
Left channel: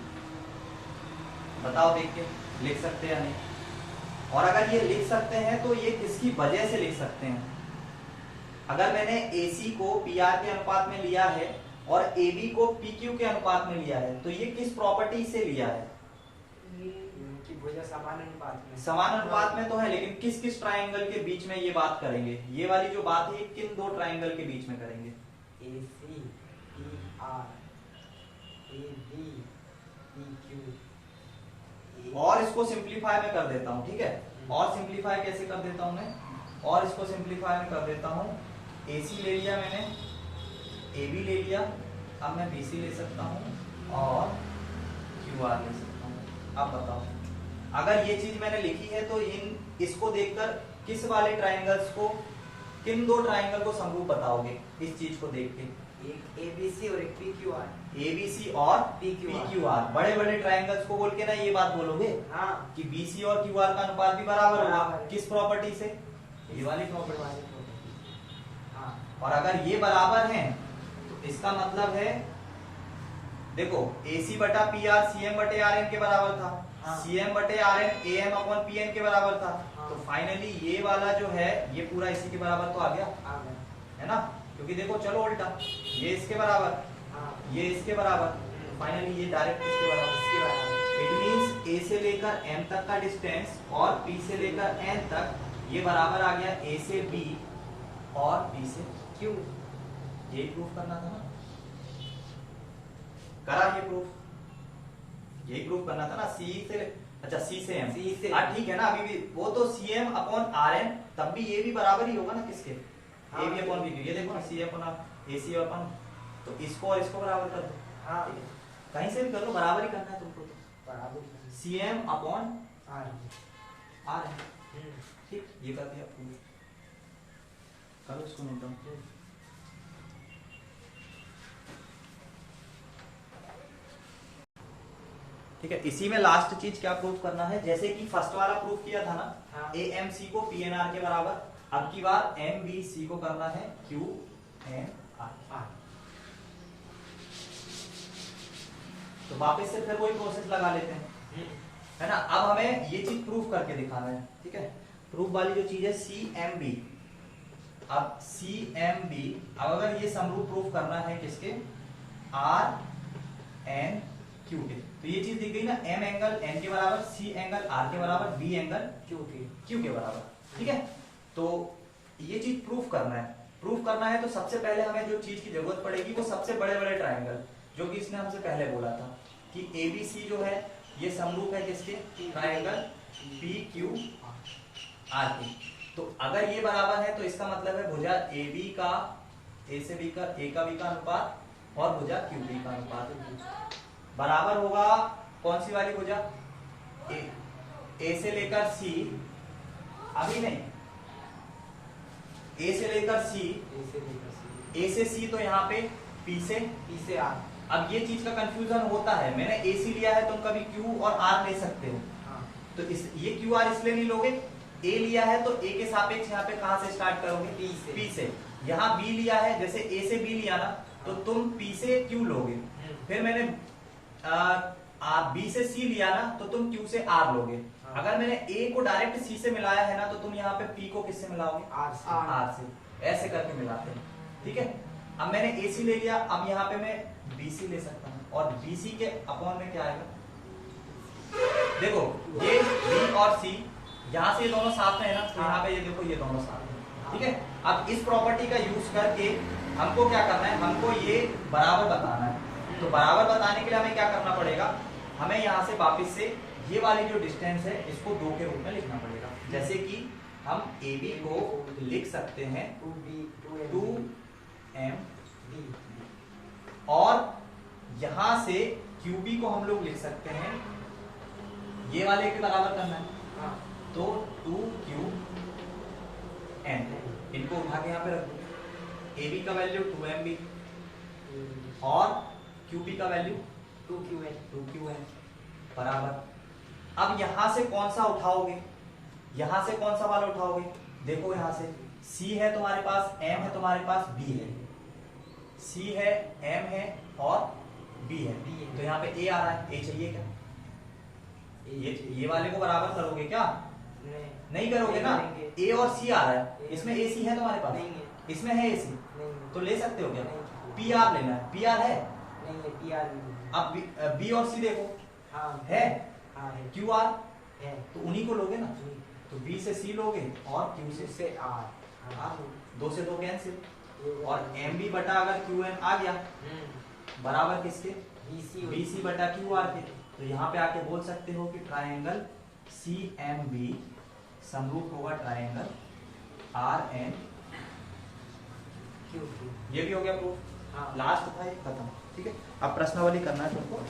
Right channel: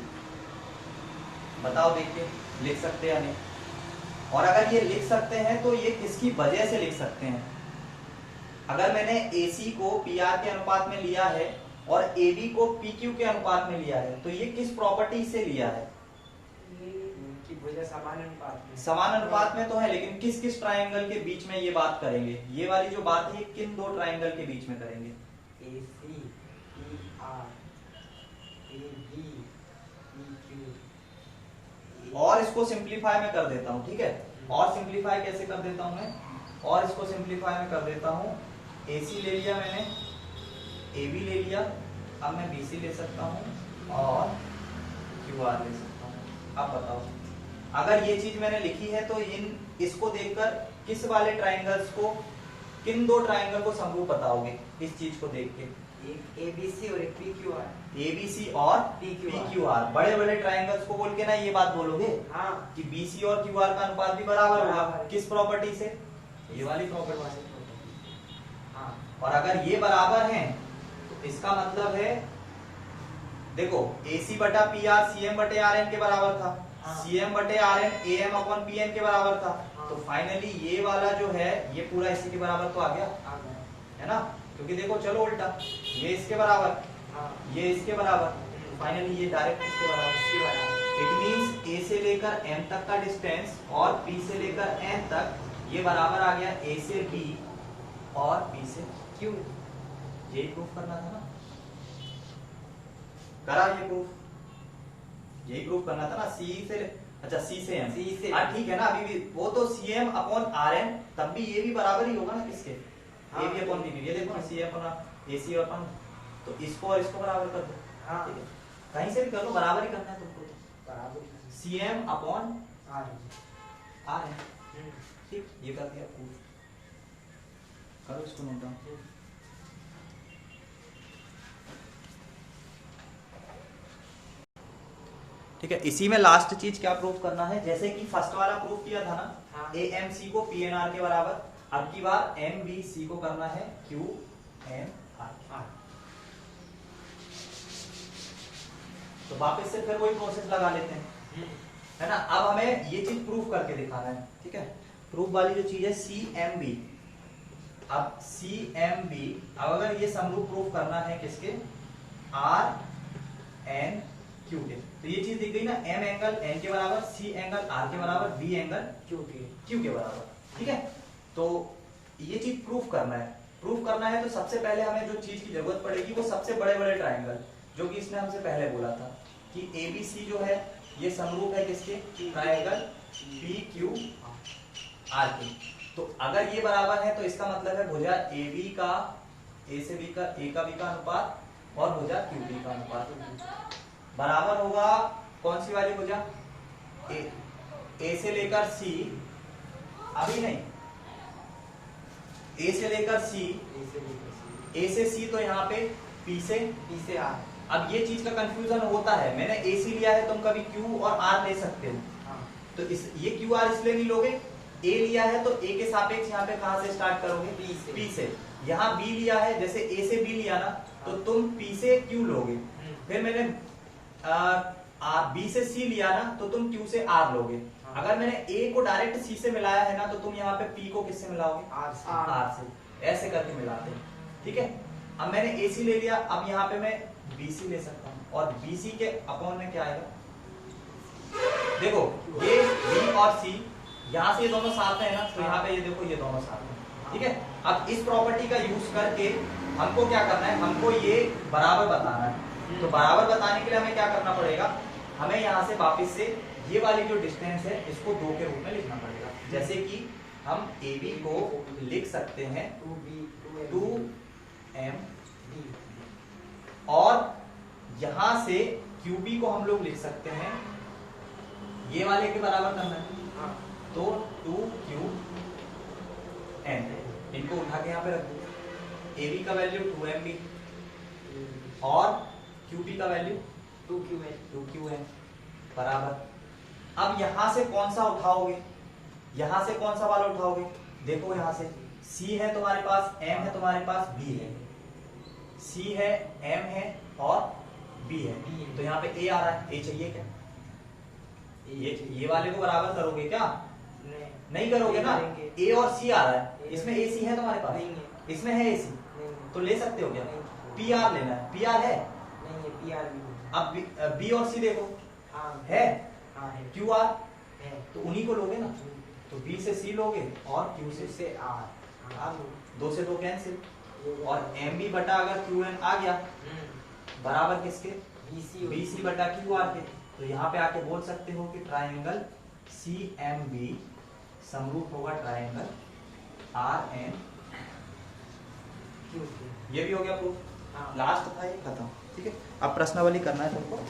बताओ देख के लिख सकते हैं या नहीं? और अगर ये लिख सकते हैं तो ये किसकी वजह से लिख सकते हैं? अगर मैंने AC को PR के अनुपात में लिया है और AB को PQ के अनुपात में लिया है, तो ये किस प्रॉपर्टी से लिया है? की वजह समान अनुपात में। समान अनुपात में तो है, लेकिन किस किस ट्राइंगल के बीच में ये बात करेंगे? ये वाली जो बात है, ये किन दो ट्राइंगल के बीच में करेंगे? AC PR AB PQ। और इसको सिंप्लीफाई में कर देता हूं, ठीक है? और सिंप्लीफाई कैसे कर देता हूं मैं? और इसको सिंप्लीफाई में कर देता हूं। AC ले लिया मैंने, AB ले लिया, अब मैं BC ले सकता हूं और QR ले सकता हूं। अब बताओ, अगर ये चीज मैंने लिखी है तो इसको देखकर किस वाले ट्राइंगल्स को, किन दो ट्राइंगल को समरूप बताओगे इस चीज को देख के? एक ABC और एक PQR। ABC और PQR बड़े बड़े ट्राइंगल्स को बोल के ना ये बात बोलोगे हाँ कि BC और QR का अनुपात भी बराबर होगा। बराबर। किस प्रॉपर्टी से? ये वाली प्रॉपर्टी। वाले प्रॉपर्टी। हाँ और अगर ये बराबर हैं तो इसका मतलब है, देखो AC बटा PR CM बटे RN के बराबर था, हाँ। CM बटे RN AM अपॉन PN के बराबर था। हाँ। तो फाइनली ये वाला जो है ये पूरा इसी के बराबर तो आ गया, आ गए। है ना? क्योंकि देखो चलो उल्टा, ये इसके बराबर, हाँ ये इसके बराबर, तो फाइनली ये डायरेक्ट इसके बराबर। इसके बराबर। इट मींस A से लेकर M तक का डिस्टेंस और P से लेकर N तक ये बराबर आ गया A से B और B से Q। यही प्रूफ करना था ना? करा ये प्रूफ? यही प्रूफ करना था ना? C से, अच्छा C से M, C से हाँ ठीक है ना? अभी भी वो तो CM अपॉन RN, तब भी ये भी बराबर ही होगा ना किसके? हाँ, AB अपॉन BQ। ये देखो C अपॉन AC अपॉन, तो इसको और इसको बराबर कर दो। हाँ ठीक है? कहीं से भी कर लो, बराबर ही करना है तुमको तो। बराबर। CM upon RN। RN, ठीक, ये कर दिया प्रूफ। करो इसको नोट डाउन। ठीक है, इसी में लास्ट चीज क्या प्रूफ करना है? जैसे कि फर्स्ट वाला प्रूफ किया था ना, हाँ। AMC को PNR के बराबर, अब की बार MBC को करना है QNR। तो वापस से फिर वही प्रोसेस लगा लेते हैं, है ना? अब हमें ये चीज प्रूफ करके दिखाना है, ठीक है? प्रूफ वाली जो चीज है CMB। अब CMB, अब अगर ये समरूप प्रूफ करना है किसके? RN Q के, तो ये चीज दिख गई ना, M एंगल N के बराबर, C एंगल R के बराबर, B एंगल Q के बराबर, ठीक है? तो ये चीज प्रूफ करना है। प्रूफ करना है तो सबसे पहले हमें जो चीज की जरूरत पड़ेगी वो सबसे बड़े बड़े ट्राइंगल, जो कि इसने हमसे पहले बोला था कि ABC जो है ये समरूप है किसके? ट्राइंगल PQR के। तो अगर ये बराबर है तो इसका मतलब है भुजा AB का A से B का, A का B का अनुपात और भुजा QB का अनुपात बराबर होगा कौन सी वाली भुजा? A से लेकर C, अभी नहीं, A से लेकर C, A से C तो यहाँ पे P से R। अब ये चीज का कंफ्यूजन होता है, मैंने AC लिया है, तुम कभी Q और R ले सकते हो। हाँ तो ये QR इसलिए नहीं लोगे, A लिया है तो A के सापेक्ष यहाँ पे कहां से स्टार्ट करोगे? P से। यहाँ B लिया है, जैसे A से B लिया ना, तो तुम P से Q लोगे। फिर मैंने B से C लिया ना, तो तुम Q से R लोगे। अगर मैंने A को डायरेक्ट C से मिलाया है ना, तो तुम यहाँ पे P को किससे मिलाओगे? R से। ऐसे करके मिलाते हैं, ठीक है? अब मैंने AC ले लिया, अब यहाँ पे मैं BC ले सकता हूँ, और BC के अपॉन में क्या आएगा? देखो ये B और C, यहाँ से ये दोनों साथ में है ना, तो यहाँ पे ये देखो ये दोनों साथ में, ठीक है? अब इस प्रॉपर्टी का यूज करके हमको क्या करना है? हमको ये बराबर बताना है। तो बराबर बताने के लिए हमें क्या करना पड़ेगा? हमें यहाँ से वापस से ये वाली जो डिस्टेंस है इसको 2 के रूप में लिखना पड़ेगा। जैसे कि हम AB को लिख सकते हैं 2M, और यहां से QB को हम लोग लिख सकते हैं, ये वाले के बराबर करना है, तो 2QN। इनको उठा के यहाँ पे रख दो। AB का वैल्यू 2MB और QB का वैल्यू 2QN बराबर। अब यहां से कौन सा उठाओगे? यहां से कौन सा वाला उठाओगे? देखो यहां से सी है तुम्हारे पास, एम है तुम्हारे पास, बी है। सी है, एम है और बी है। तो यहाँ पे ए आ रहा है, ए चाहिए क्या? ये वाले को बराबर करोगे क्या? नहीं करोगे ना। ए और सी आ रहा है, इसमें ए सी है तुम्हारे पास? नहीं है। इसमें है ए सी, तो ले सकते हो क्या? पी आर लेना है, पी आर है। नहीं है, पी आर नहीं अब बी और सी देखो, हाँ है हाँ है क्यू आर, है तो उन्हीं को लोगे ना। तो बी से सी लोगे और क्यू क्यू से, से आर हाँ दो से दो कैंसिल, ये हो और गया। एम बी बटा अगर क्यू एन आ गया बराबर किसके? BC बी सी बटा क्यू आर के। तो यहाँ पे आके बोल सकते हो कि ट्राइंगल सी एम बी समरूप होगा ट्राइंगल आर एन क्यू ये भी हो गया प्रूफ। हाँ लास्ट था ये, खत्म। ठीक है, अब प्रश्नावली करना है तुमको।